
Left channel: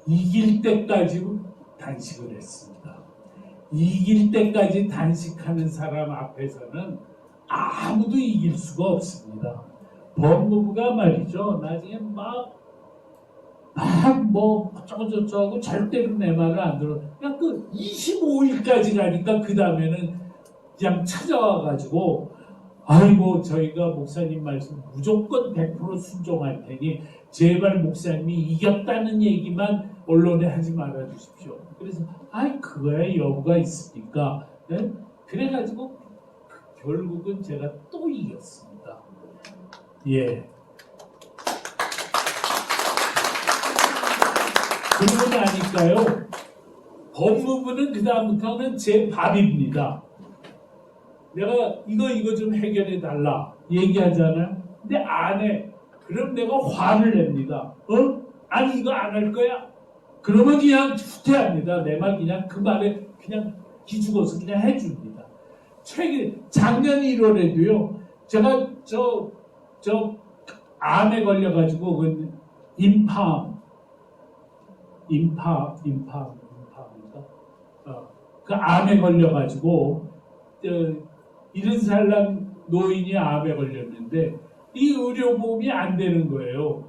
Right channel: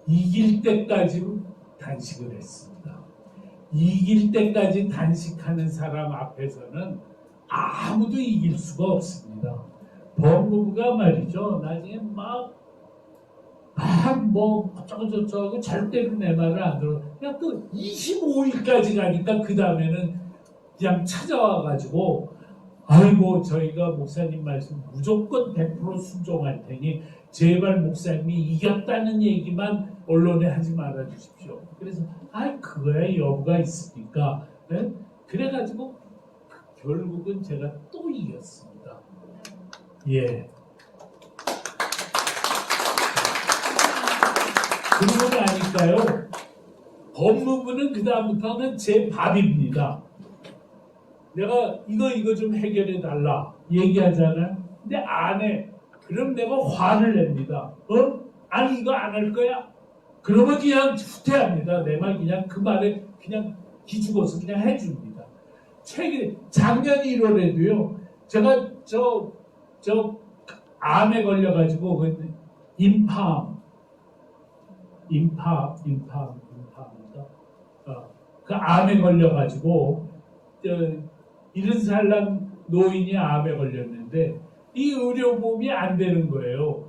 이길 때까지 단식을 했습니다. 이길 때까지 단식하는 사람 앞에서는 아무도 이길 수가 없습니다. 법무부가 말이죠. 나중에 뭐 어쩌고저쩌고 절대로 내 말을 안 들어. 그냥 그 25일까지 가니까 그 다음에는 그냥 찾아와가지고 아이고 저희가 목사님 말씀 무조건 100% 순종할 테니 제발 목사님이 이겼다는 얘기만 언론에 하지 말아 주십시오. 그래서 그거야 여부가 있습니까? 네? 그래가지고 결국은 제가 또 이겼습니다. 예. 그러고 나니까요. 법무부는 그 다음부터는 제 밥입니다. 내가 이거 좀 해결해 달라 얘기하잖아요. 근데 안 해. 그럼 내가 화를 냅니다. 아니 이거 안 할 거야? 그러면 그냥 후퇴합니다. 내 말 그냥 그 말에 그냥 기죽어서 그냥 해줍니다. 작년 1월에도요. 제가 저 암에 걸려가지고 인파입니다. 그 암에 걸려가지고 70살 노인이 암에 걸렸는데 이 의료보험이 안 되는 거예요.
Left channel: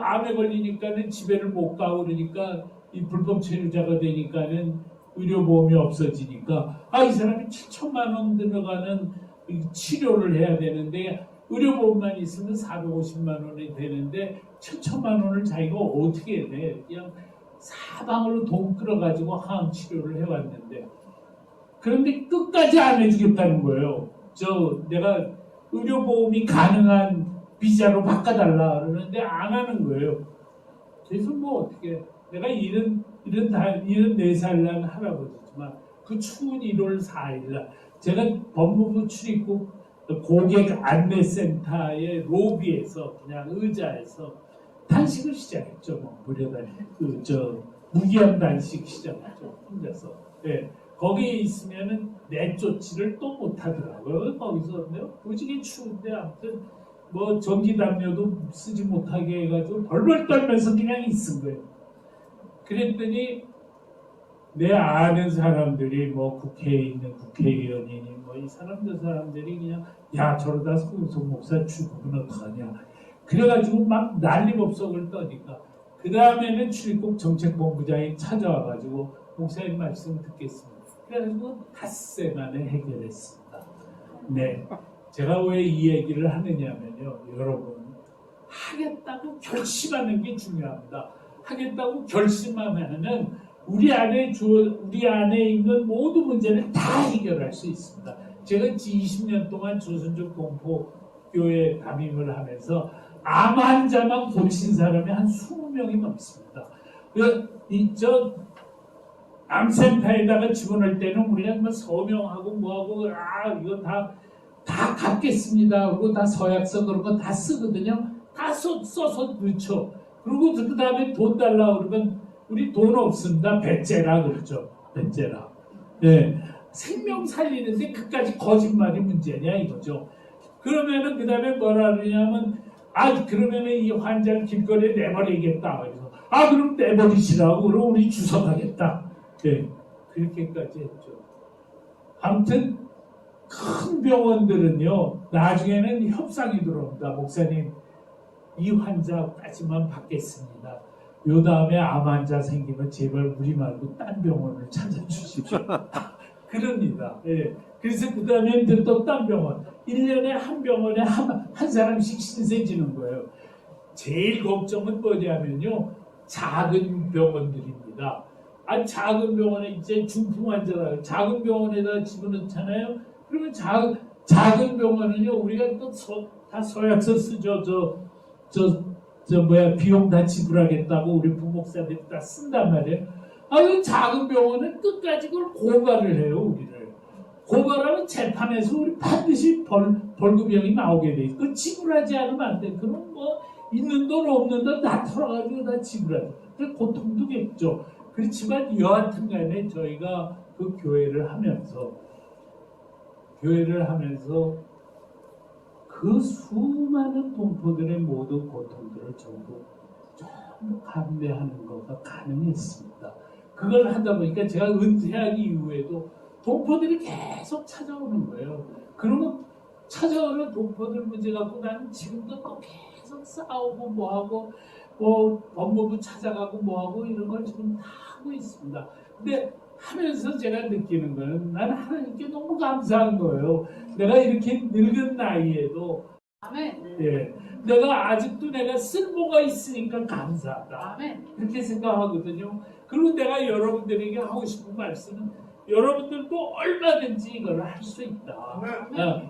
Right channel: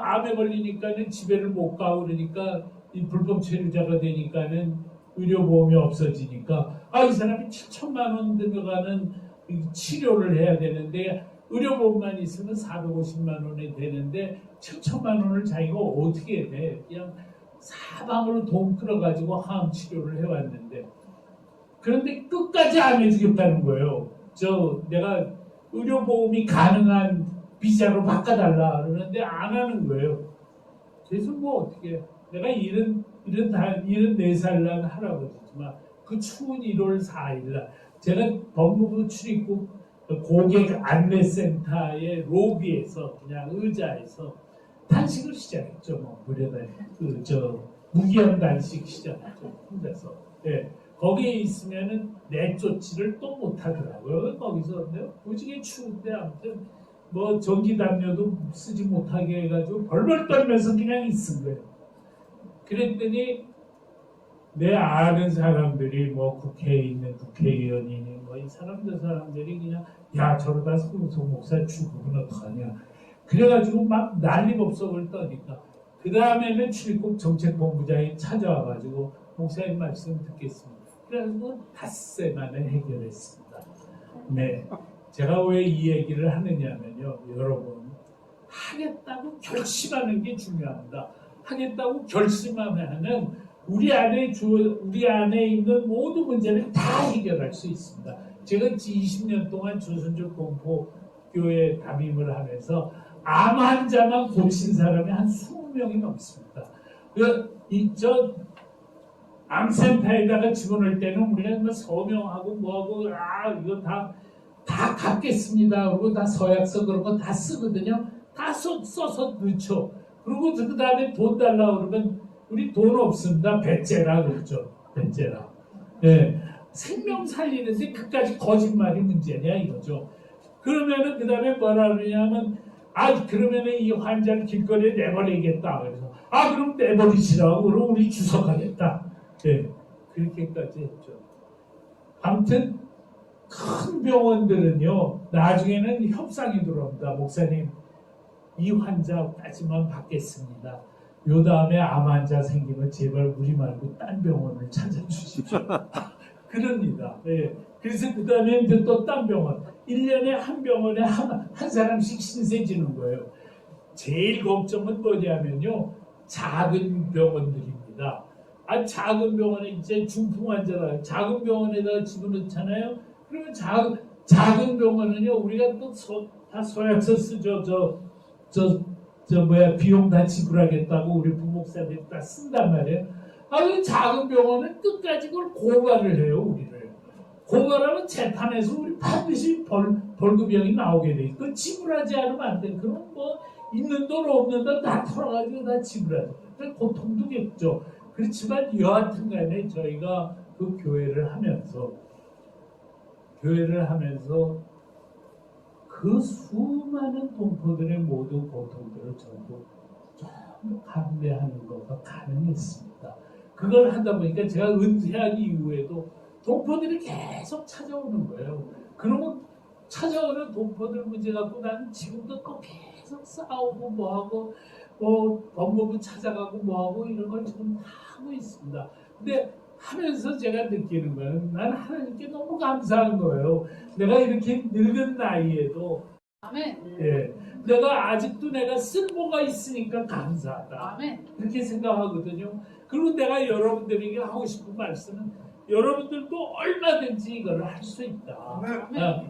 암에 걸리니까는 집에를 못 가고 그러니까 이 불법 체류자가 되니까는 의료보험이 없어지니까 이 사람이 7천만 원 들어가는 치료를 해야 되는데 의료보험만 있으면 450만 원이 되는데 7천만 원을 자기가 어떻게 해? 그냥 사방으로 돈 끌어가지고 항암 치료를 해왔는데 그런데 끝까지 안 해주겠다는 거예요. 내가 의료보험이 가능한 비자로 바꿔달라 그러는데 안 하는 거예요. 그래서 뭐 어떻게 내가 74살 난 할아버지지만 그 추운 1월 4일 날 제가 법무부 출입국 고객 안내센터의 로비에서 그냥 의자에서 단식을 시작했죠. 뭐 무료단 무기한 단식 시작했죠. 혼자서. 네. 거기에 있으면은 내쫓지를 또 못하더라고요. 거기서 무지개 추운데 아무튼 뭐 전기 담요도 쓰지 못하게 해가지고 벌벌 떨면서 그냥 있은 거예요. 그랬더니 내 아는 사람들이 뭐 국회에 있는 국회의원이니 뭐 이 사람들이 그냥 야 저러다 송영석 목사 죽으면 어떡하냐 그래가지고 막 난리법석을 떠니까 그 다음에는 출입국 정책본부장이 찾아와가지고 목사님 말씀 듣겠습니다. 그래가지고 닷새 만에 해결했습니다. 네, 제가 왜 이 얘기를 하느냐면요, 여러분 하겠다고 결심하는 게 중요합니다. 하겠다고 결심하면은 우리 안에 있는 모든 문제를 다 해결할 수 있습니다. 제가 20년 동안 조선족 동포교회 담임을 하면서 암 환자만 고친 사람이 한 20명이 넘습니다. 암센터에다가 집어넣을 때는 우리가 뭐 서명하고 뭐하고 이거 다 갚겠습니다. 그리고 다 서약서 그런 거 다 쓰거든요. 다 써서 넣죠. 그리고 그 다음에 돈 달라 그러면 우리 돈 없습니다. 배째라 그러죠. 배째라. 네. 생명 살리는데 그까지 거짓말이 문제냐 이거죠. 그러면은 그 다음에 뭐라 그러냐면 그러면은 이 환자를 길거리에 내버리겠다. 그래서 그럼 내버리시라고 그럼 우리 주석하겠다. 네. 그렇게까지 했죠. 아무튼 큰 병원들은요 나중에는 협상이 들어옵니다. 목사님 이 환자까지만 받겠습니다. 요 다음에 암 환자 생기면 제발 우리 말고 딴 병원을 찾아주십시오. 그럽니다. 예. 그래서 그 다음에 이제 또 딴 병원 1년에 한 병원에 한 사람씩 신세지는 거예요. 제일 걱정은 뭐냐면요 작은 병원들입니다. 작은 병원에 이제 중풍 환자가 작은 병원에다 집어넣잖아요. 그러면 작은 병원은요 우리가 또 다 서약서 쓰죠. 비용 다 지불하겠다고 우리 부목사들이 다 쓴단 말이에요. 그 작은 병원은 끝까지 그걸 고발을 해요, 우리를. 고발하면 재판에서 우리 반드시 벌금형이 나오게 돼 있어요. 그걸 지불하지 않으면 안 돼. 그럼 뭐 있는 돈 없는 돈 다 털어가지고 다 지불하죠. 그 고통도 겠죠. 그렇지만 여하튼 간에 저희가 그 교회를 하면서 그 수많은 동포들의 모든 고통들을 전부 감내하는 것가 가능했습니다. 그걸 하다 보니까 제가 은퇴한 이후에도 동포들이 계속 찾아오는 거예요. 그러면 찾아오는 동포들 문제 갖고 나는 지금도 또 계속 싸우고 뭐하고 법무부 찾아가고 뭐하고 이런 걸 지금 다 하고 있습니다. 근데 하면서 제가 느끼는 거는 나는 하나님께 너무 감사한 거예요. 내가 이렇게 늙은 나이에도 아멘. 예, 아직도 내가 쓸모가 있으니까 감사하다. 아멘. 그렇게 생각하거든요. 그리고 내가 여러분들에게 하고 싶은 말씀은 여러분들도 얼마든지 이걸 할 수 있다.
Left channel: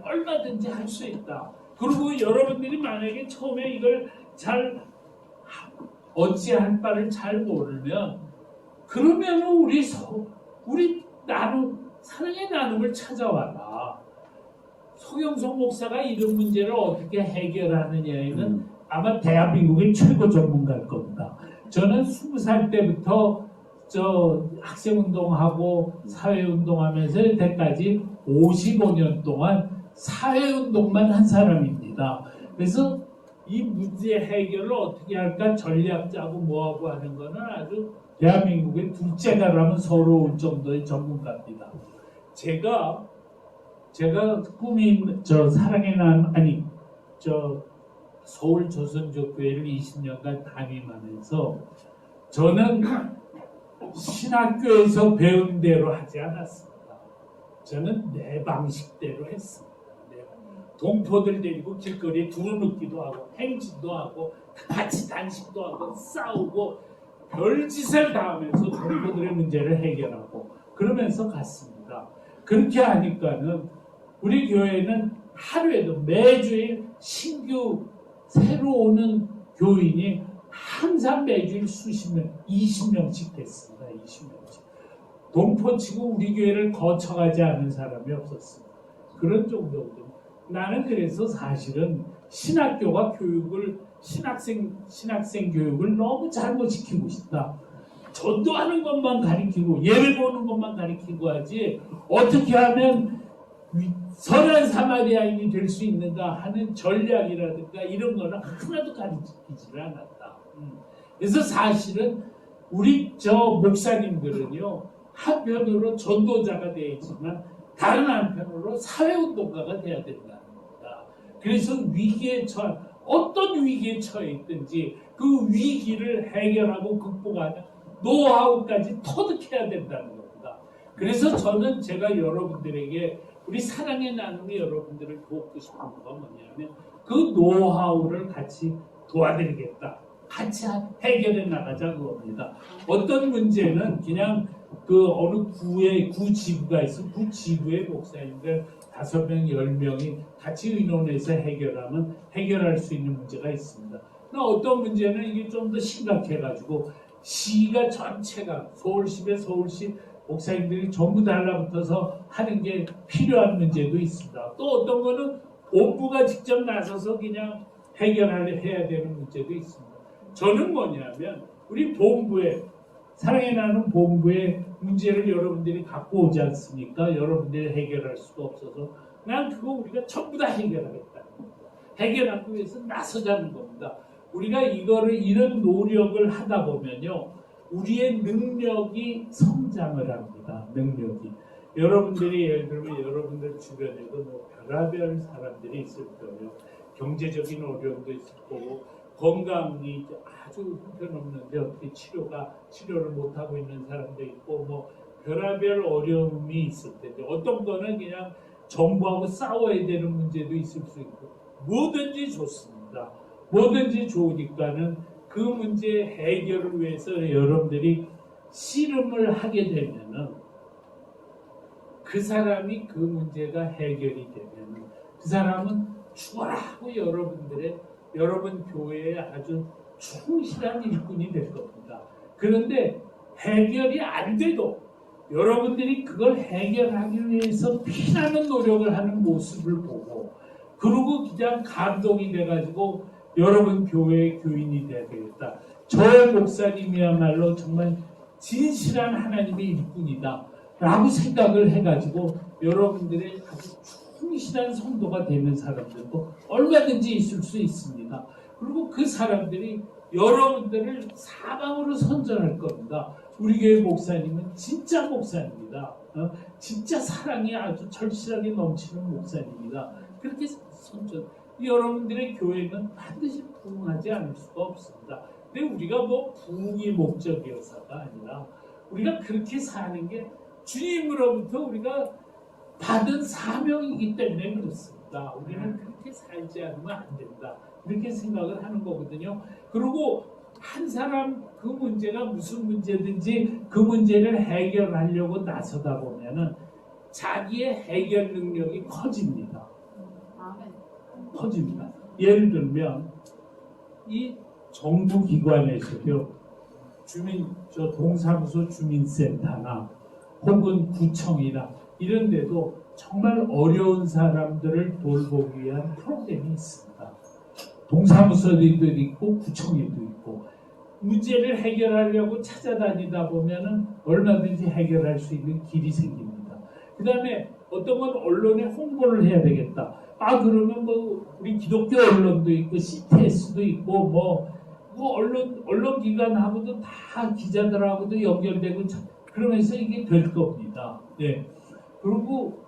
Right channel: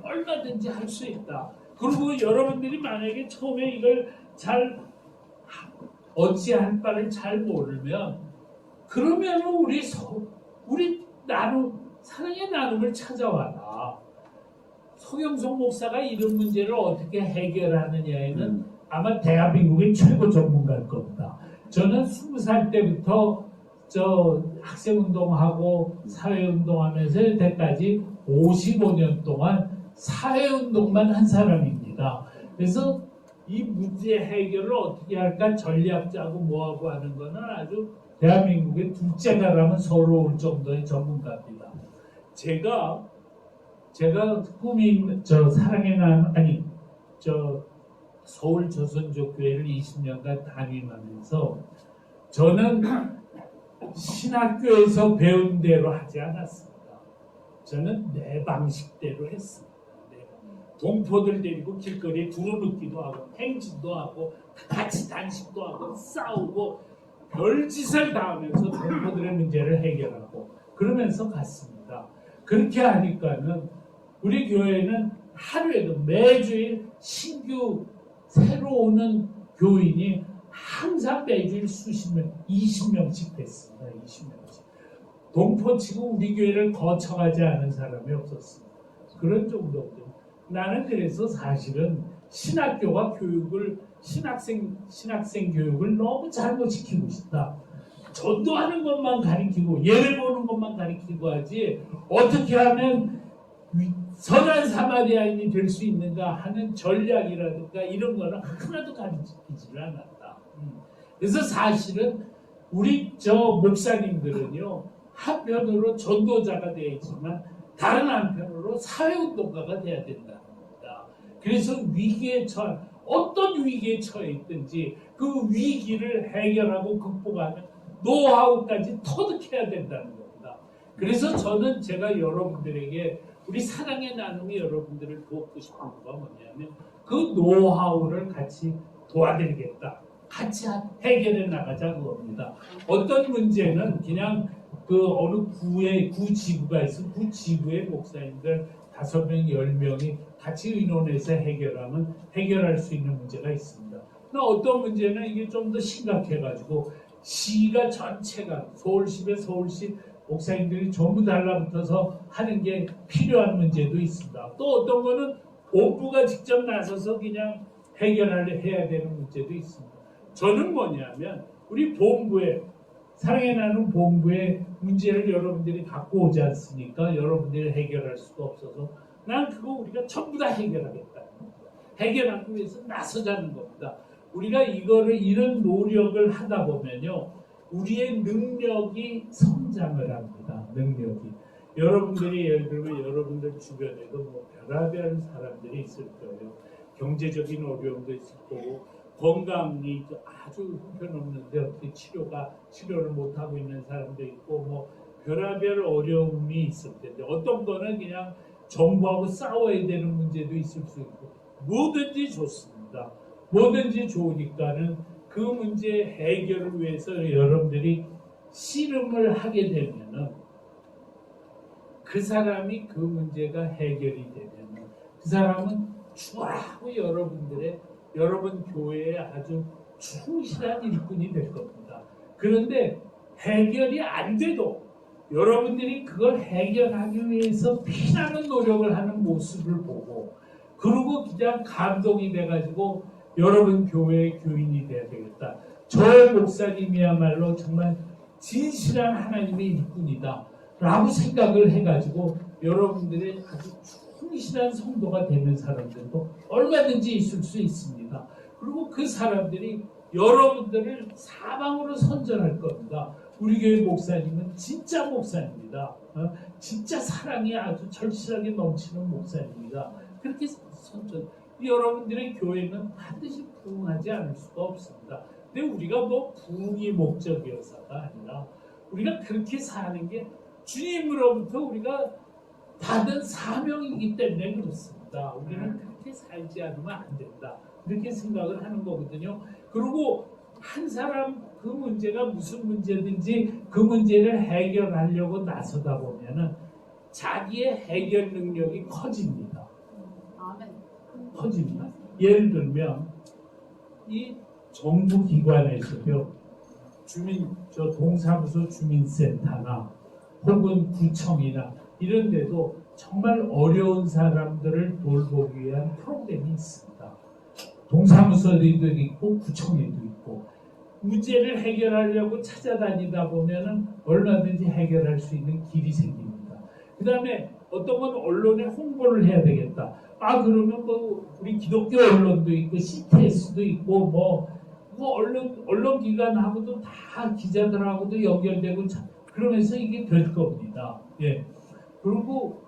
얼마든지 할 수 있다. 그리고 여러분들이 만약에 처음에 이걸 잘 어찌할 바를 잘 모르면 그러면 우리 사랑의 나눔을 찾아와라. 송영석 목사가 이런 문제를 어떻게 해결하느냐에는 아마 대한민국의 최고 전문가일 겁니다. 저는 20살 때부터 학생운동하고 사회운동하면서 이때까지 55년 동안 사회운동만 한 사람입니다. 그래서 이 문제 해결을 어떻게 할까 전략 짜고 뭐하고 하는 거는 아주 대한민국의 둘째가라면 서러울 정도의 전문가입니다. 제가 꿈이 사랑의 나눔 서울 조선족교회를 20년간 담임하면서 저는 신학교에서 배운 대로 하지 않았습니다. 저는 내 방식대로 했습니다. 동포들 데리고 길거리에 두루눕기도 하고 행진도 하고 같이 단식도 하고 싸우고 별짓을 다 하면서 동포들의 문제를 해결하고 그러면서 갔습니다. 그렇게 하니까는 우리 교회는 하루에도 매주일 신규 새로 오는 교인이 항상 매주일 수십 명, 20명씩 됐습니다. 20명씩. 동포치고 우리 교회를 거쳐가지 않은 사람이 없었습니다. 그런 정도거든요. 나는 그래서 사실은 신학교가 교육을 신학생 교육을 너무 잘못 시키고 싶다. 전도하는 것만 가르치고 예배 보는 것만 가르치고 하지 어떻게 하면 선한 사마리아인이 될 수 있는가 하는 전략이라든가 이런 거는 하나도 가르치지를 않았다. 그래서 사실은 우리 저 목사님들은요 한편으로 전도자가 되어있지만 다른 한편으로 사회운동가가 돼야 된다는 겁니다. 그래서 어떤 위기에 처해 있든지 그 위기를 해결하고 극복하는 노하우까지 터득해야 된다는 겁니다. 그래서 저는 제가 여러분들에게 우리 사랑의 나눔이 여러분들을 돕고 싶은 거가 뭐냐면 그 노하우를 같이 도와드리겠다. 같이 해결해 나가자 그겁니다. 어떤 문제는 그냥 그 어느 구 지구가 있어 구 지구의 목사님들 5명, 10명이 같이 의논해서 해결하면 해결할 수 있는 문제가 있습니다. 그러나 어떤 문제는 이게 좀 더 심각해가지고 시가 전체가 서울시 목사님들이 전부 달라붙어서 하는 게 필요한 문제도 있습니다. 또 어떤 거는 본부가 직접 나서서 그냥 해야 되는 문제도 있습니다. 저는 뭐냐면 우리 본부에 사랑의 나눔 본부의 문제를 여러분들이 갖고 오지 않습니까? 여러분들이 해결할 수가 없어서 난 그거 우리가 전부 다 해결하겠다는 겁니다. 해결하기 위해서 나서자는 겁니다. 우리가 이런 노력을 하다 보면요 우리의 능력이 성장을 합니다. 능력이 여러분들이 예를 들면 여러분들 주변에도 뭐 별의별 사람들이 있을 거예요. 경제적인 어려움도 있을 거고 건강이 아주 형편없는데 어떻게 치료를 못하고 있는 사람도 있고 뭐 별의별 어려움이 있을 텐데 어떤 거는 그냥 정부하고 싸워야 되는 문제도 있을 수 있고 뭐든지 좋습니다. 뭐든지 좋으니까는 그 문제 해결을 위해서 여러분들이 씨름을 하게 되면은 그 사람이 그 문제가 해결이 되면은 그 사람은 추가하고 여러분 교회에 아주 충실한 일꾼이 될 겁니다. 그런데 해결이 안 돼도 여러분들이 그걸 해결하기 위해서 피나는 노력을 하는 모습을 보고 그러고 그냥 감동이 돼가지고 여러분 교회의 교인이 돼야 되겠다. 저 목사님이야말로 정말 진실한 하나님의 일꾼이다 라고 생각을 해가지고 여러분들이 아주 충실한 성도가 되는 사람들도 얼마든지 있을 수 있습니다. 그리고 그 사람들이 여러분들을 사방으로 선전할 겁니다. 우리 교회 목사님은 진짜 목사입니다. 진짜 사랑이 아주 절실하게 넘치는 목사입니다. 그렇게 선전. 여러분들의 교회는 반드시 부흥하지 않을 수가 없습니다. 근데 우리가 뭐 부흥이 목적이어서가 아니라 우리가 그렇게 사는 게 주님으로부터 우리가 받은 사명이기 때문에 그렇습니다. 우리는 그렇게 살지 않으면 안 된다. 이렇게 생각을 하는 거거든요. 그리고 한 사람 그 문제가 무슨 문제든지 그 문제를 해결하려고 나서다 보면은 자기의 해결 능력이 커집니다. 커집니다. 예를 들면 이 정부 기관에서요 동사무소 주민센터나 혹은 구청이나 이런 데도 정말 어려운 사람들을 돌보기 위한 프로그램이 있습니다. 동사무소에도 있고 구청에도 있고 문제를 해결하려고 찾아다니다 보면은 얼마든지 해결할 수 있는 길이 생깁니다. 그 다음에 어떤 건 언론에 홍보를 해야 되겠다. 그러면 뭐 우리 기독교 언론도 있고 CTS도 있고 뭐 언론기관하고도 다 기자들하고도 연결되고 그러면서 이게 될 겁니다. 네. 그리고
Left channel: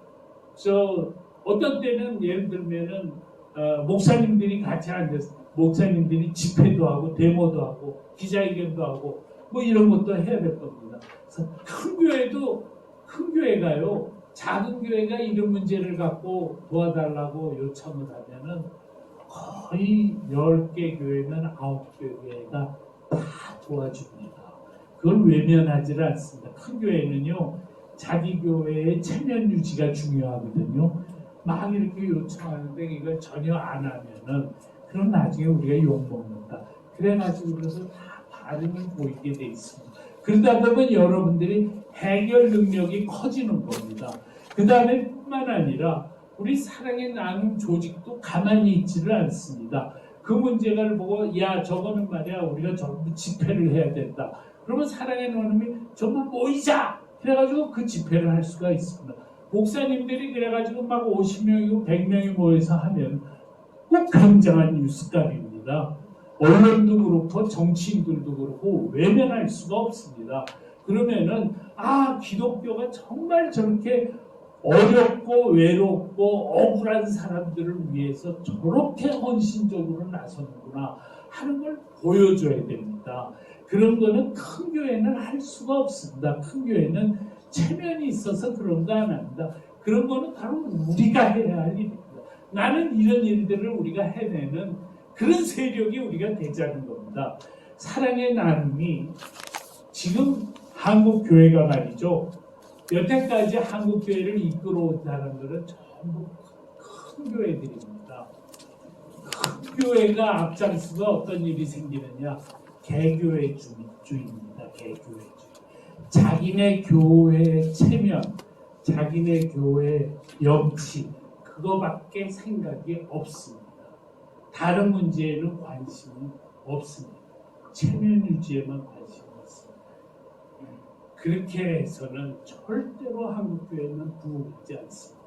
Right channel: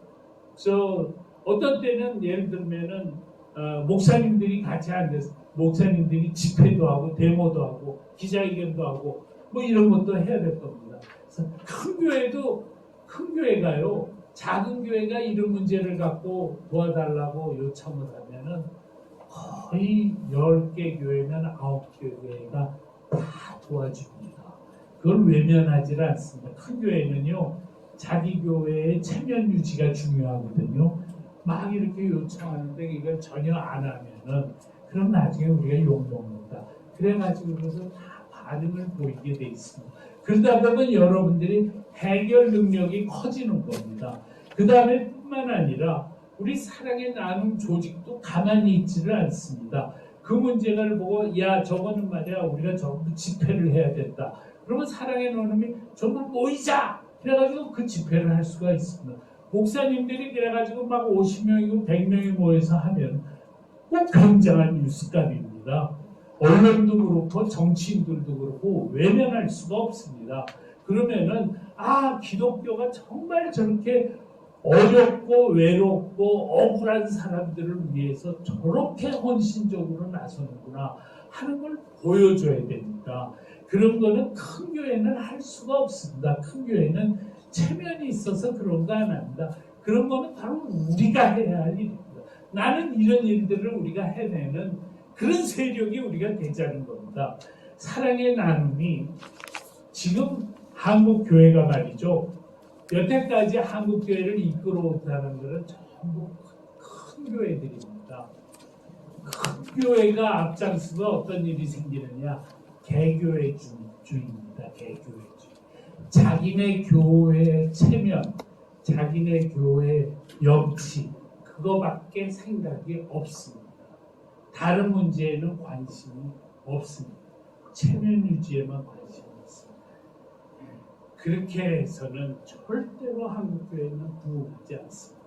어떤 때는 예를 들면은 목사님들이 같이 앉아서 목사님들이 집회도 하고 데모도 하고 기자회견도 하고 뭐 이런 것도 해야 될 겁니다. 그래서 큰 교회가요 작은 교회가 이런 문제를 갖고 도와달라고 요청을 하면은 거의 10개 교회면 9개 교회가 다 도와줍니다. 그걸 외면하지를 않습니다. 큰 교회는요 자기 교회의 체면 유지가 중요하거든요. 막 이렇게 요청하는데 이걸 전혀 안 하면은 그럼 나중에 우리가 욕먹는다. 그래가지고 그래서 다 반응을 보이게 돼 있습니다. 그러다 보면 여러분들이 해결 능력이 커지는 겁니다. 그 다음에 뿐만 아니라 우리 사랑의 나눔 조직도 가만히 있지를 않습니다. 그 문제를 보고 야 저거는 말이야 우리가 전부 집회를 해야 된다. 그러면 사랑의 나눔이 전부 모이자. 그래가지고 그 집회를 할 수가 있습니다. 목사님들이 그래가지고 막 50명이고 100명이 모여서 하면 꼭 굉장한 뉴스감입니다. 언론도 그렇고 정치인들도 그렇고 외면할 수가 없습니다. 그러면은 기독교가 정말 저렇게 어렵고 외롭고 억울한 사람들을 위해서 저렇게 헌신적으로 나서는구나 하는 걸 보여줘야 됩니다. 그런 거는 큰 교회는 할 수가 없습니다. 큰 교회는 체면이 있어서 그런 거 안 합니다. 그런 거는 바로 우리가 해야 할 일입니다. 나는 이런 일들을 우리가 해내는 그런 세력이 우리가 되자는 겁니다. 사랑의 나눔이 지금 한국 교회가 말이죠. 여태까지 한국 교회를 이끌어온 사람들은 전부 큰 교회들입니다. 큰 교회가 앞장서서 어떤 일이 생기느냐? 개교회주의입니다. 개교회주의. 자기네 교회 체면, 자기네 교회 염치 그거밖에 생각이 없습니다. 다른 문제에는 관심이 없습니다. 체면 유지에만 관심이 있습니다. 그렇게 해서는 절대로 한국교회는 부흥하지 않습니다.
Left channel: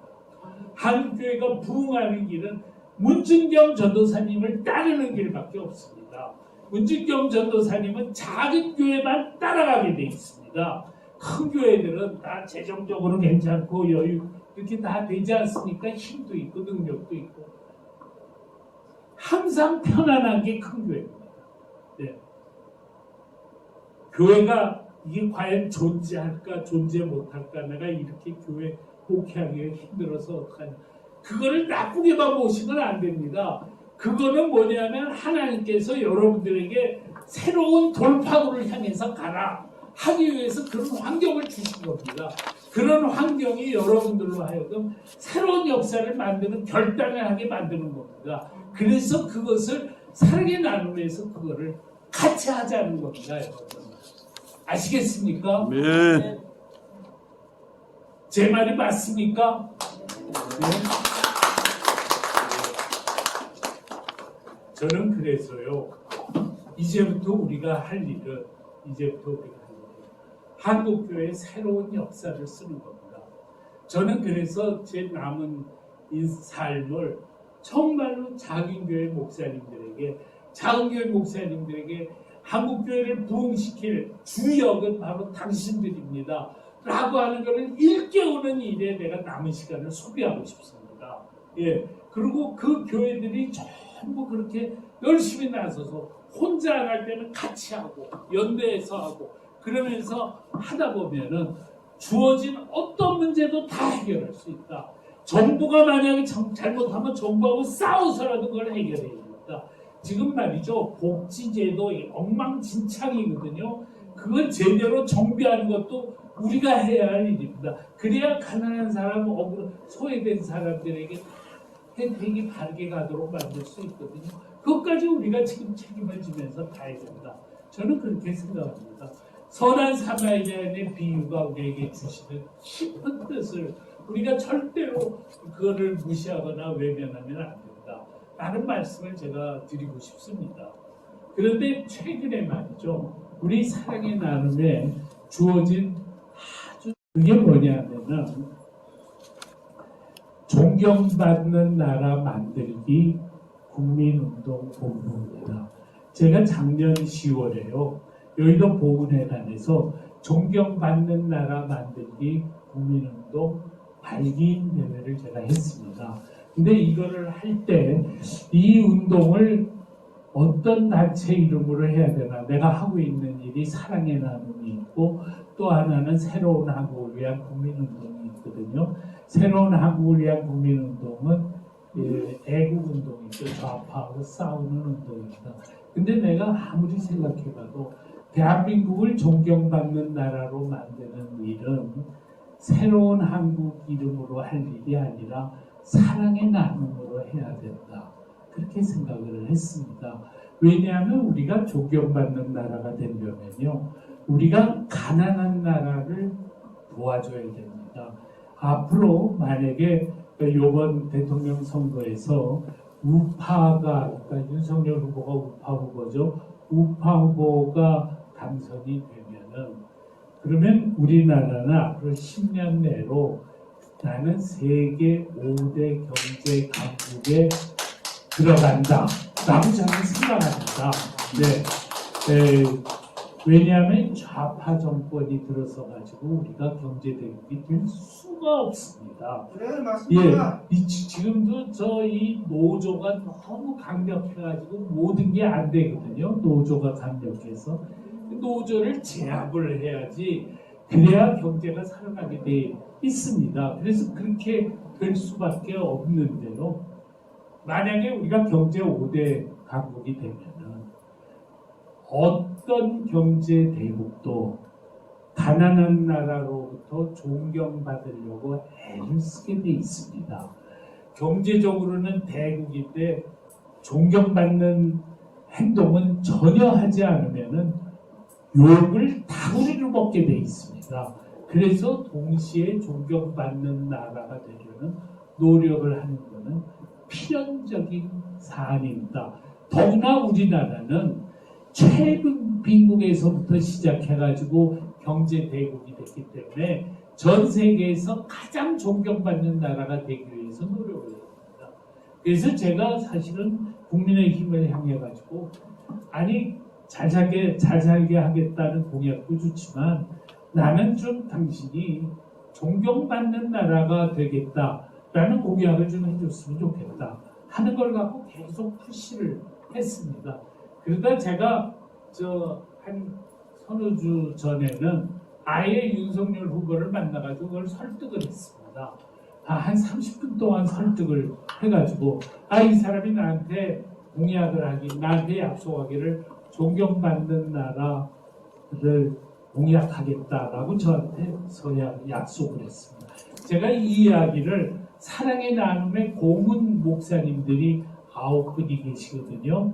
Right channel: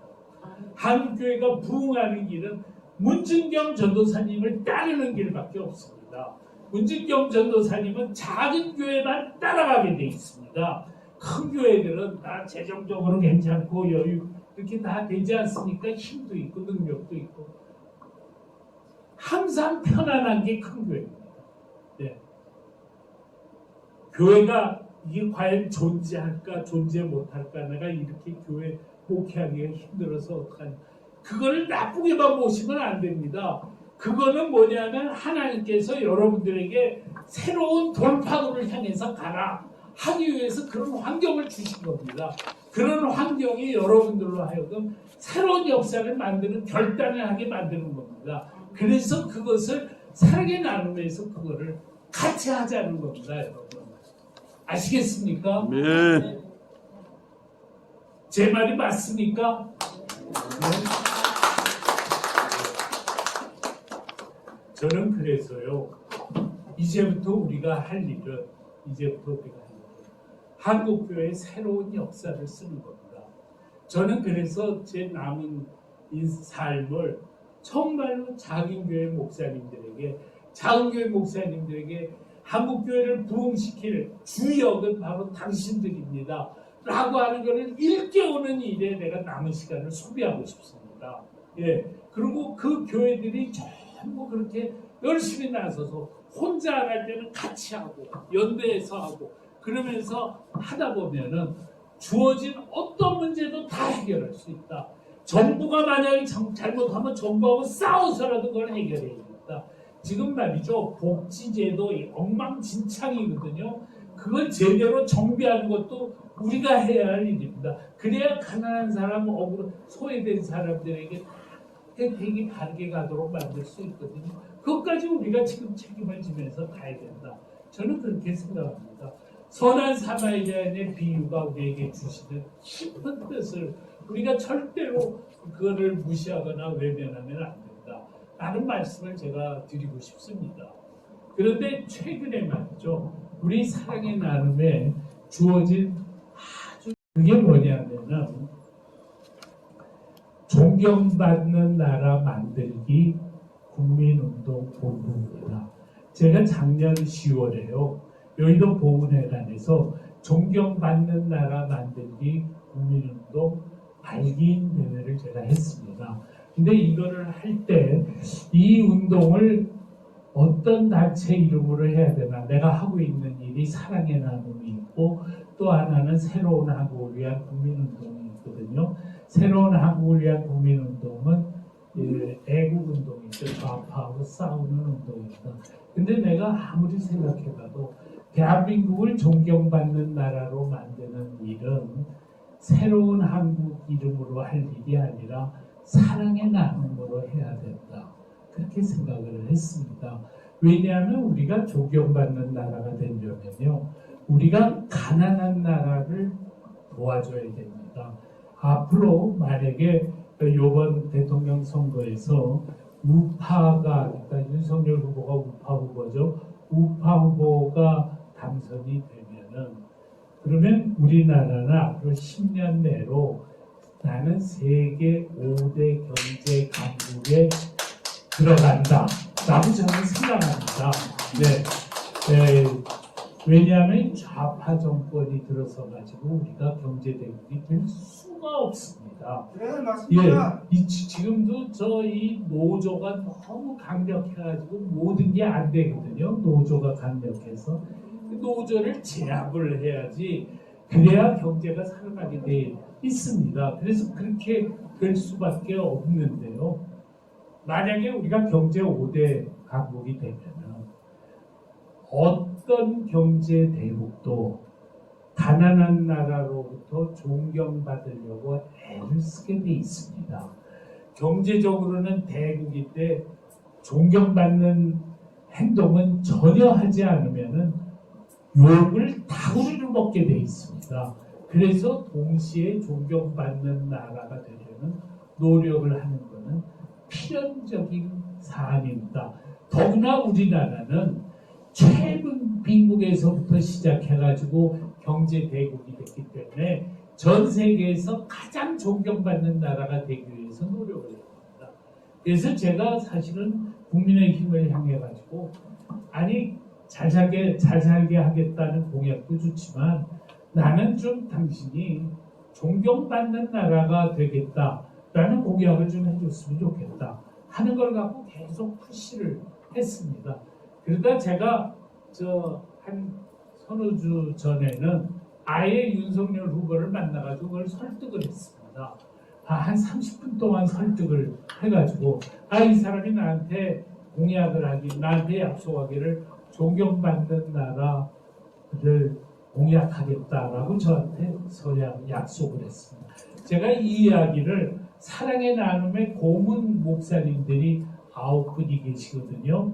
한국교회가 부흥하는 길은 문준경 전도사님을 따르는 길밖에 없습니다. 문준경 전도사님은 작은 교회만 따라가게 돼 있습니다. 큰 교회들은 다 재정적으로 괜찮고 여유 이렇게 다 되지 않습니까? 힘도 있고 능력도 있고 항상 편안한 게 큰 교회입니다. 네. 교회가 이게 과연 존재할까 존재 못할까 내가 이렇게 교회 목회하기가 힘들어서 어떡하냐 그거를 나쁘게만 보시면 안 됩니다. 그거는 뭐냐면 하나님께서 여러분들에게 새로운 돌파구를 향해서 가라 하기 위해서 그런 환경을 주신 겁니다. 그런 환경이 여러분들로 하여금 새로운 역사를 만드는 결단을 하게 만드는 겁니다. 그래서 그것을 사랑의 나눔에서 그거를 같이 하자는 겁니다. 여러분. 아시겠습니까? 네. 제 말이 맞습니까? 네. 저는 그래서요. 이제부터 우리가 할 일은 한국교회의 새로운 역사를 쓰는 겁니다. 저는 그래서 제 남은 삶을 정말로 작은 교회 목사님들에게 한국교회를 부흥시킬 주역은 바로 당신들입니다. 라고 하는 것을 일깨우는 일에 내가 남은 시간을 소비하고 싶습니다. 예. 그리고 그 교회들이 전부 그렇게 열심히 나서서 혼자 안 할 때는 같이 하고 연대해서 하고 그러면서 하다 보면은 주어진 어떤 문제도 다 해결할 수 있다. 정부가 만약에 잘못하면 정부하고 싸워서라도 그걸 해결해야 됩니다. 지금 말이죠. 복지제도 엉망진창이거든요. 그걸 제대로 정비하는 것도 우리가 해야 할 일입니다. 그래야 가난한 사람, 소외된 사람들에게 혜택이 바르게 가도록 만들 수 있거든요. 그것까지 우리가 지금 책임을 지면서 가야 된다. 저는 그렇게 생각합니다. 선한 사마리아인의 비유가 우리에게 주시는 깊은 뜻을 우리가 절대로 그거를 무시하거나 외면하면 안 된다. 라는 말씀을 제가 드리고 싶습니다. 그런데 최근에 말이죠. 우리 사랑의 나눔에 주어진 그게 뭐냐면은 존경받는 나라 만들기 국민운동 본부입니다. 제가 작년 10월에요. 여의도 보훈회관에서 존경받는 나라 만들기 국민운동 발기인 대회를 제가 했습니다. 근데 이거를 할 때 이 운동을 어떤 단체 이름으로 해야 되나 내가 하고 있는 일이 사랑의 나눔이 있고 또 하나는 새로운 한국을 위한 국민운동이 있거든요. 새로운 한국을 위한 국민운동은 애국운동이죠. 좌파하고 싸우는 운동입니다. 근데 내가 아무리 생각해봐도 대한민국을 존경받는 나라로 만드는 일은 새로운 한국 이름으로 할 일이 아니라 사랑의 나눔으로 해야 된다. 그렇게 생각을 했습니다. 왜냐하면 우리가 존경받는 나라가 되려면요, 우리가 가난한 나라를 도와줘야 됩니다. 앞으로 만약에 이번 대통령 선거에서 우파가, 그러니까 윤석열 후보가 우파 후보죠. 우파 후보가 당선이 되면은, 그러면 우리나라는 앞으로 10년 내로 나는 세계 5대 경제 강국에 들어간다 라고 저는 생각합니다. 왜냐하면 좌파 정권이 들어서 가지고 우리가 경제 대국이 될 수가 없습니다. 네, 맞습니다. 지금도 이 노조가 너무 강력해가지고 모든 게 안 되거든요. 노조가 강력해서 노조를 제압을 해야지, 그래야 경제가 살아가게 돼 있습니다. 그래서 그렇게 될 수밖에 없는데요. 만약에 우리가 경제 5대 강국이 되면은 어떤 경제 대국도 가난한 나라로부터 존경받으려고 애를 쓰게 돼 있습니다. 경제적으로는 대국인데 존경받는 행동은 전혀 하지 않으면은 욕을 다구리를 먹게 돼 있습니다. 그래서 동시에 존경받는 나라가 되려는 노력을 하는 것은 필연적인 사안입니다. 더구나 우리나라는 최빈국에서부터 시작해가지고 경제 대국이 됐기 때문에 전 세계에서 가장 존경받는 나라가 되기 위해서 노력을 했습니다. 그래서 제가 사실은 국민의힘을 향해가지고, 아니 잘 살게 하겠다는 공약도 좋지만 나는 좀 당신이 존경받는 나라가 되겠다라는 공약을 좀 해줬으면 좋겠다 하는 걸 갖고 계속 푸시를 했습니다. 그러다 제가 한 서너 주 전에는 아예 윤석열 후보를 만나가지고 그걸 설득을 했습니다. 한 30분 동안 설득을 해가지고, 이 사람이 나한테 공약을 하기, 나한테 약속하기를 존경받는 나라를 공약하겠다라고 저한테서 약속을 했습니다. 제가 이 이야기를 사랑의 나눔의 고문 목사님들이 9분이 계시거든요.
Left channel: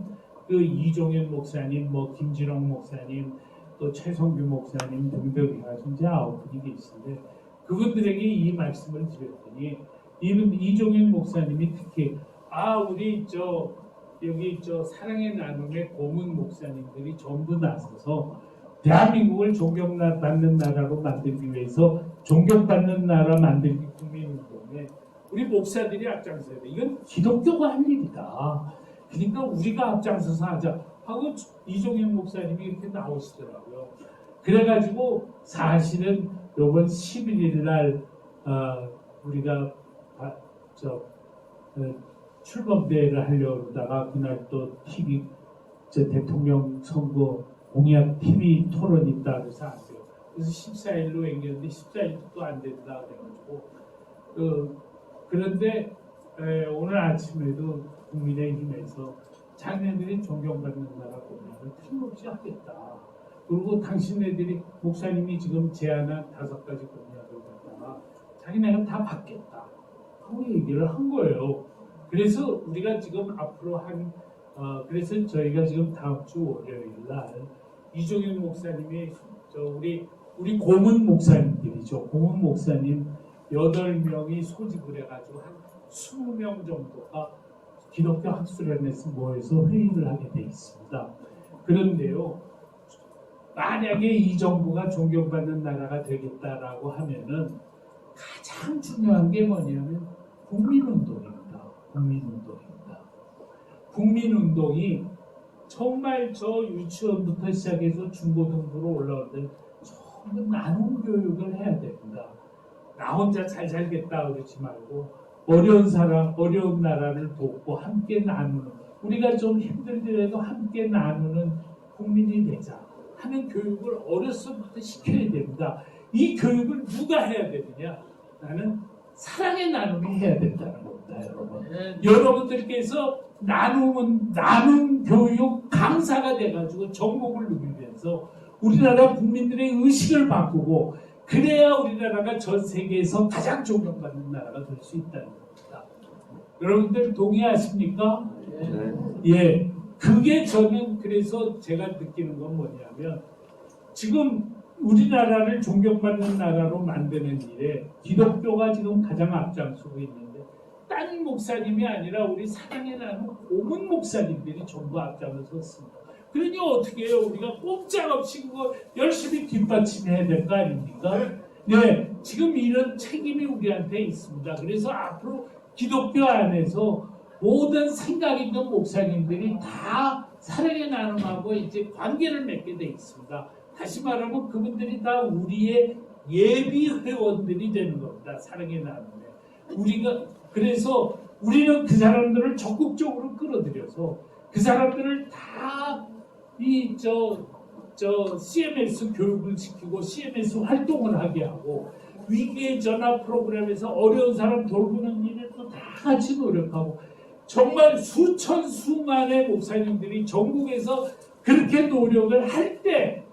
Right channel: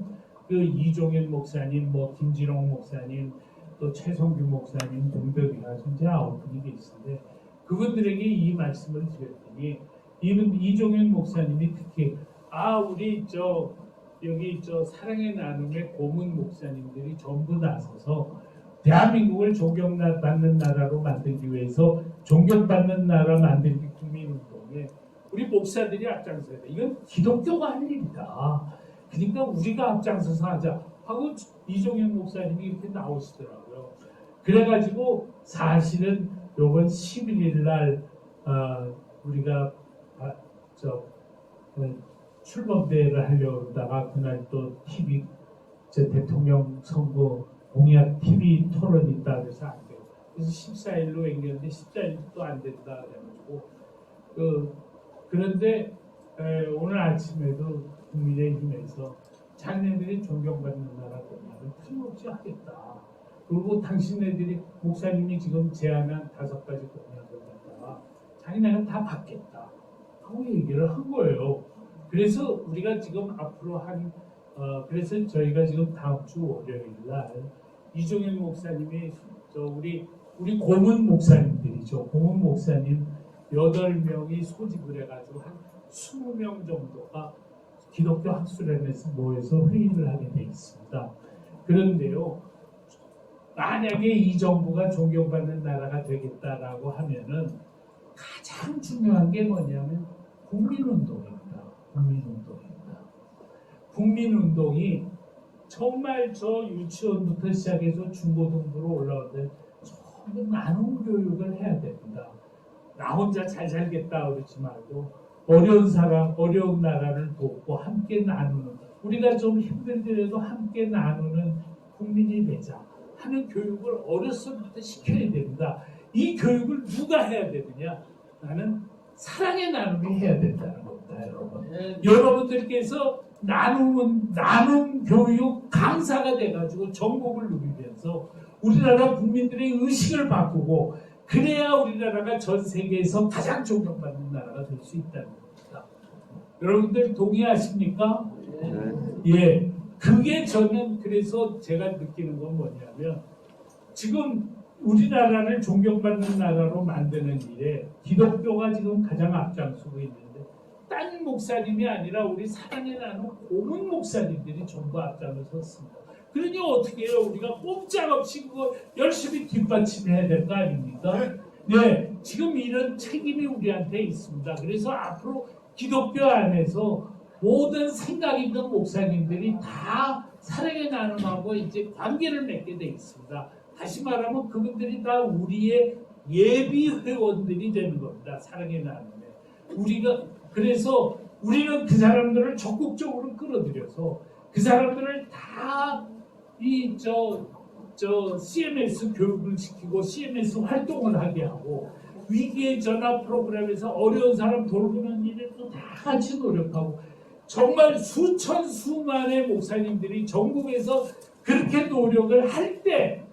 그 이종현 목사님, 김진홍 목사님, 또 최성규 목사님 등등 해가지고 이제 9분이 계시는데, 그분들에게 이 말씀을 드렸더니 이종현 목사님이 특히 우리 여기 사랑의 나눔의 고문 목사님들이 전부 나서서 대한민국을 존경받는 나라로 만들기 위해서 존경받는 나라 만들기 국민운동에 우리 목사들이 앞장서야 돼. 이건 기독교가 할 일이다. 그러니까 우리가 앞장서서 하자 하고 이종현 목사님이 이렇게 나오시더라고요. 그래가지고 사실은 이번 11일 날 우리가 출범대회를 하려고 그러다가 그날 또 TV 대통령 선거 공약 TV 토론이 있다 그래서 안 돼요. 그래서 14일로 앵겼는데 14일도 안 된다 그래가지고 그런데 오늘 아침에도 국민의힘에서 자기네들이 존경받는 나라 공약을 틀림없이 하겠다. 그리고 당신네들이 목사님이 지금 제안한 5가지 공약을 갖다가 자기네는 다 받겠다 하고 얘기를 한 거예요. 그래서 우리가 지금 앞으로 그래서 저희가 지금 다음 주 월요일 날 이종현 목사님이 우리 고문 목사님들이죠. 고문 목사님 8명이 소집을 해가지고 한 20명 정도가 기독교 학술연에서 모여서 회의를 하게 돼 있습니다. 그런데요, 만약에 이 정부가 존경받는 나라가 되겠다라고 하면은 가장 중요한 게 뭐냐면 국민운동입니다. 국민운동이 정말 유치원부터 시작해서 중고등부로 올라오는데 전부 나눔 교육을 해야 됩니다. 나 혼자 잘 살겠다 그러지 말고 어려운 사람, 어려운 나라를 돕고 함께 나누는, 우리가 좀 힘들더라도 함께 나누는 국민이 되자 하는 교육을 어려서부터 시켜야 됩니다. 이 교육을 누가 해야 되느냐? 나는 사랑의 나눔이 해야 된다는 겁니다, 여러분. 여러분들께서 나눔 교육 강사가 돼가지고 전국을 누비면서 우리나라 국민들의 의식을 바꾸고, 그래야 우리나라가 전 세계에서 가장 존경받는 나라가 될 수 있다는 겁니다. 여러분들 동의하십니까? 예. 그게 저는 그래서 제가 느끼는 건 뭐냐면 지금 우리나라를 존경받는 나라로 만드는 일에 기독교가 지금 가장 앞장서고 있는데 딴 목사님이 아니라 우리 사랑의 나눔 고문 목사님들이 전부 앞장을 섰습니다. 그러니 어떻게 해요? 우리가 꼼짝없이 그거 열심히 뒷받침해야 될 거 아닙니까? 네, 지금 이런 책임이 우리한테 있습니다. 그래서 앞으로 기독교 안에서 모든 생각 있는 목사님들이 다 사랑의 나눔하고 이제 관계를 맺게 돼 있습니다. 다시 말하면 그분들이 다 우리의 예비 회원들이 되는 겁니다. 사랑의 나눔에. 그래서 우리는 그 사람들을 적극적으로 끌어들여서 그 사람들을 다 CMS 교육을 시키고 CMS 활동을 하게 하고 위기의 전화 프로그램에서 어려운 사람 돌보는 일에 또 다 같이 노력하고 정말 수만의 목사님들이 전국에서 그렇게 노력을 할 때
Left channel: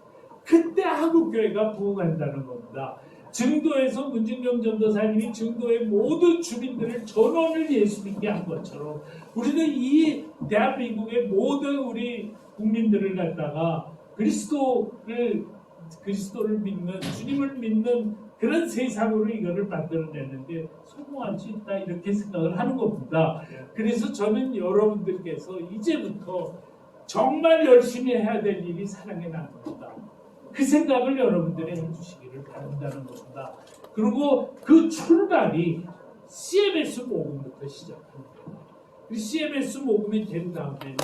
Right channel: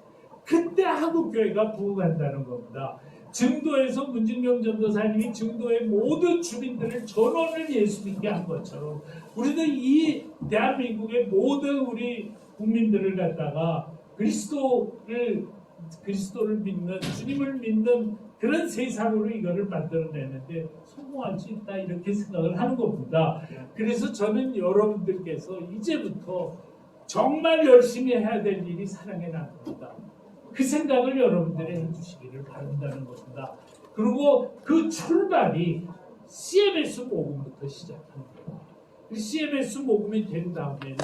그때 한국교회가 부흥한다는 겁니다. 증도에서 문진영 전도사님이 증도의 모든 주민들을 전원을 예수 믿게 한 것처럼 우리도 이 대한민국의 모든 우리 국민들을 갖다가 그리스도를 믿는 주님을 믿는 그런 세상으로 이거를 만들어내는데 성공할 수 있다 이렇게 생각을 하는 겁니다. 그래서 저는 여러분들께서 이제부터 정말 열심히 해야 될 일이 사랑의 나눔이다. 그 생각을 여러분들이 해주시기를 바란다는 겁니다. 그리고 그 출발이 CMS 모금부터 시작합니다. 그 CMS 모금이 된 다음에는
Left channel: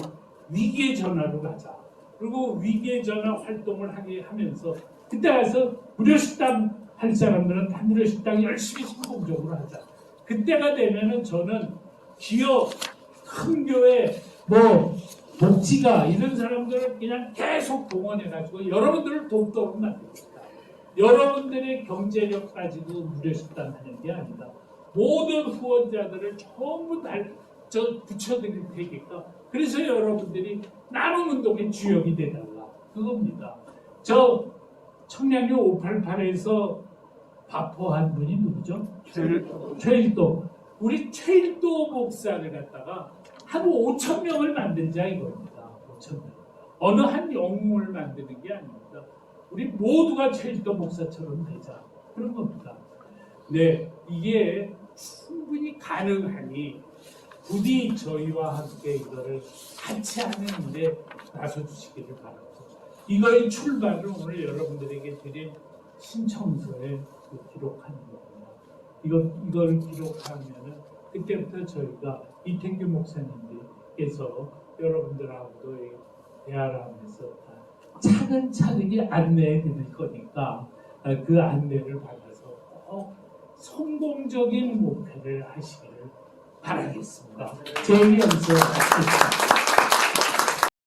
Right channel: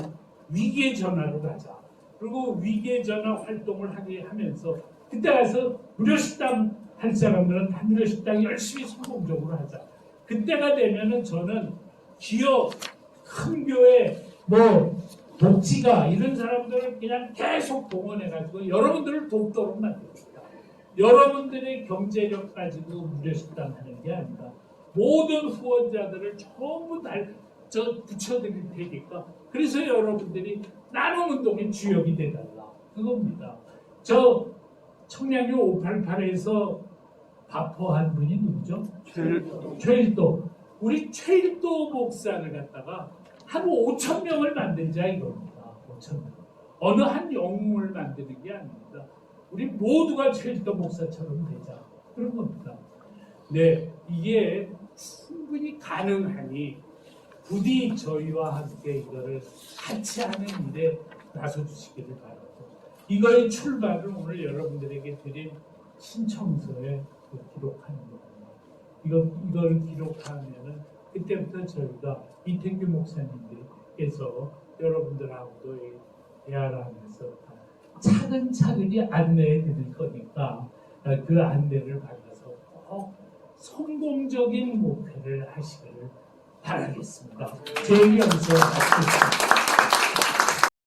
위기의 전화로 가자. 그리고 위기의 전화 활동을 하게 하면서 그때 가서 무료식당 할 사람들은 다 무료식당 열심히 성공적으로 하자. 그때가 되면은 저는 기업, 큰 교회, 복지가 이런 사람들을 그냥 계속 동원해가지고 여러분들을 돕도록 만듭니다. 여러분들의 경제력 가지고 무료식당 하는 게 아니다. 모든 후원자들을 전부 다 붙여드릴 테니까 그래서 여러분들이 나눔운동의 주역이 되달라. 그겁니다. 저 청량리 588에서 바포한 분이 누구죠? 최일도. 우리 최일도 목사를 갖다가 한 5,000명을 만들자 이겁니다. 5,000명. 어느 한 영웅을 만드는 게 아닙니다. 우리 모두가 최일도 목사처럼 되자. 그런 겁니다. 네, 이게 충분히 가능하니 부디 저희와 함께 이거를 같이 하는 일에 나서주시기를 바랍니다. 이거의 출발을 오늘 여러분들에게 드린 신청서에 기록하는 겁니다. 이걸 기록하면은 그때부터 저희가 이태규 목사님께서 여러분들하고도 대화하면서 차근차근히 안내해 드릴 거니까 그 안내를 받아서 꼭 성공적인 목표를 하시기를 바라겠습니다. 제 의견에서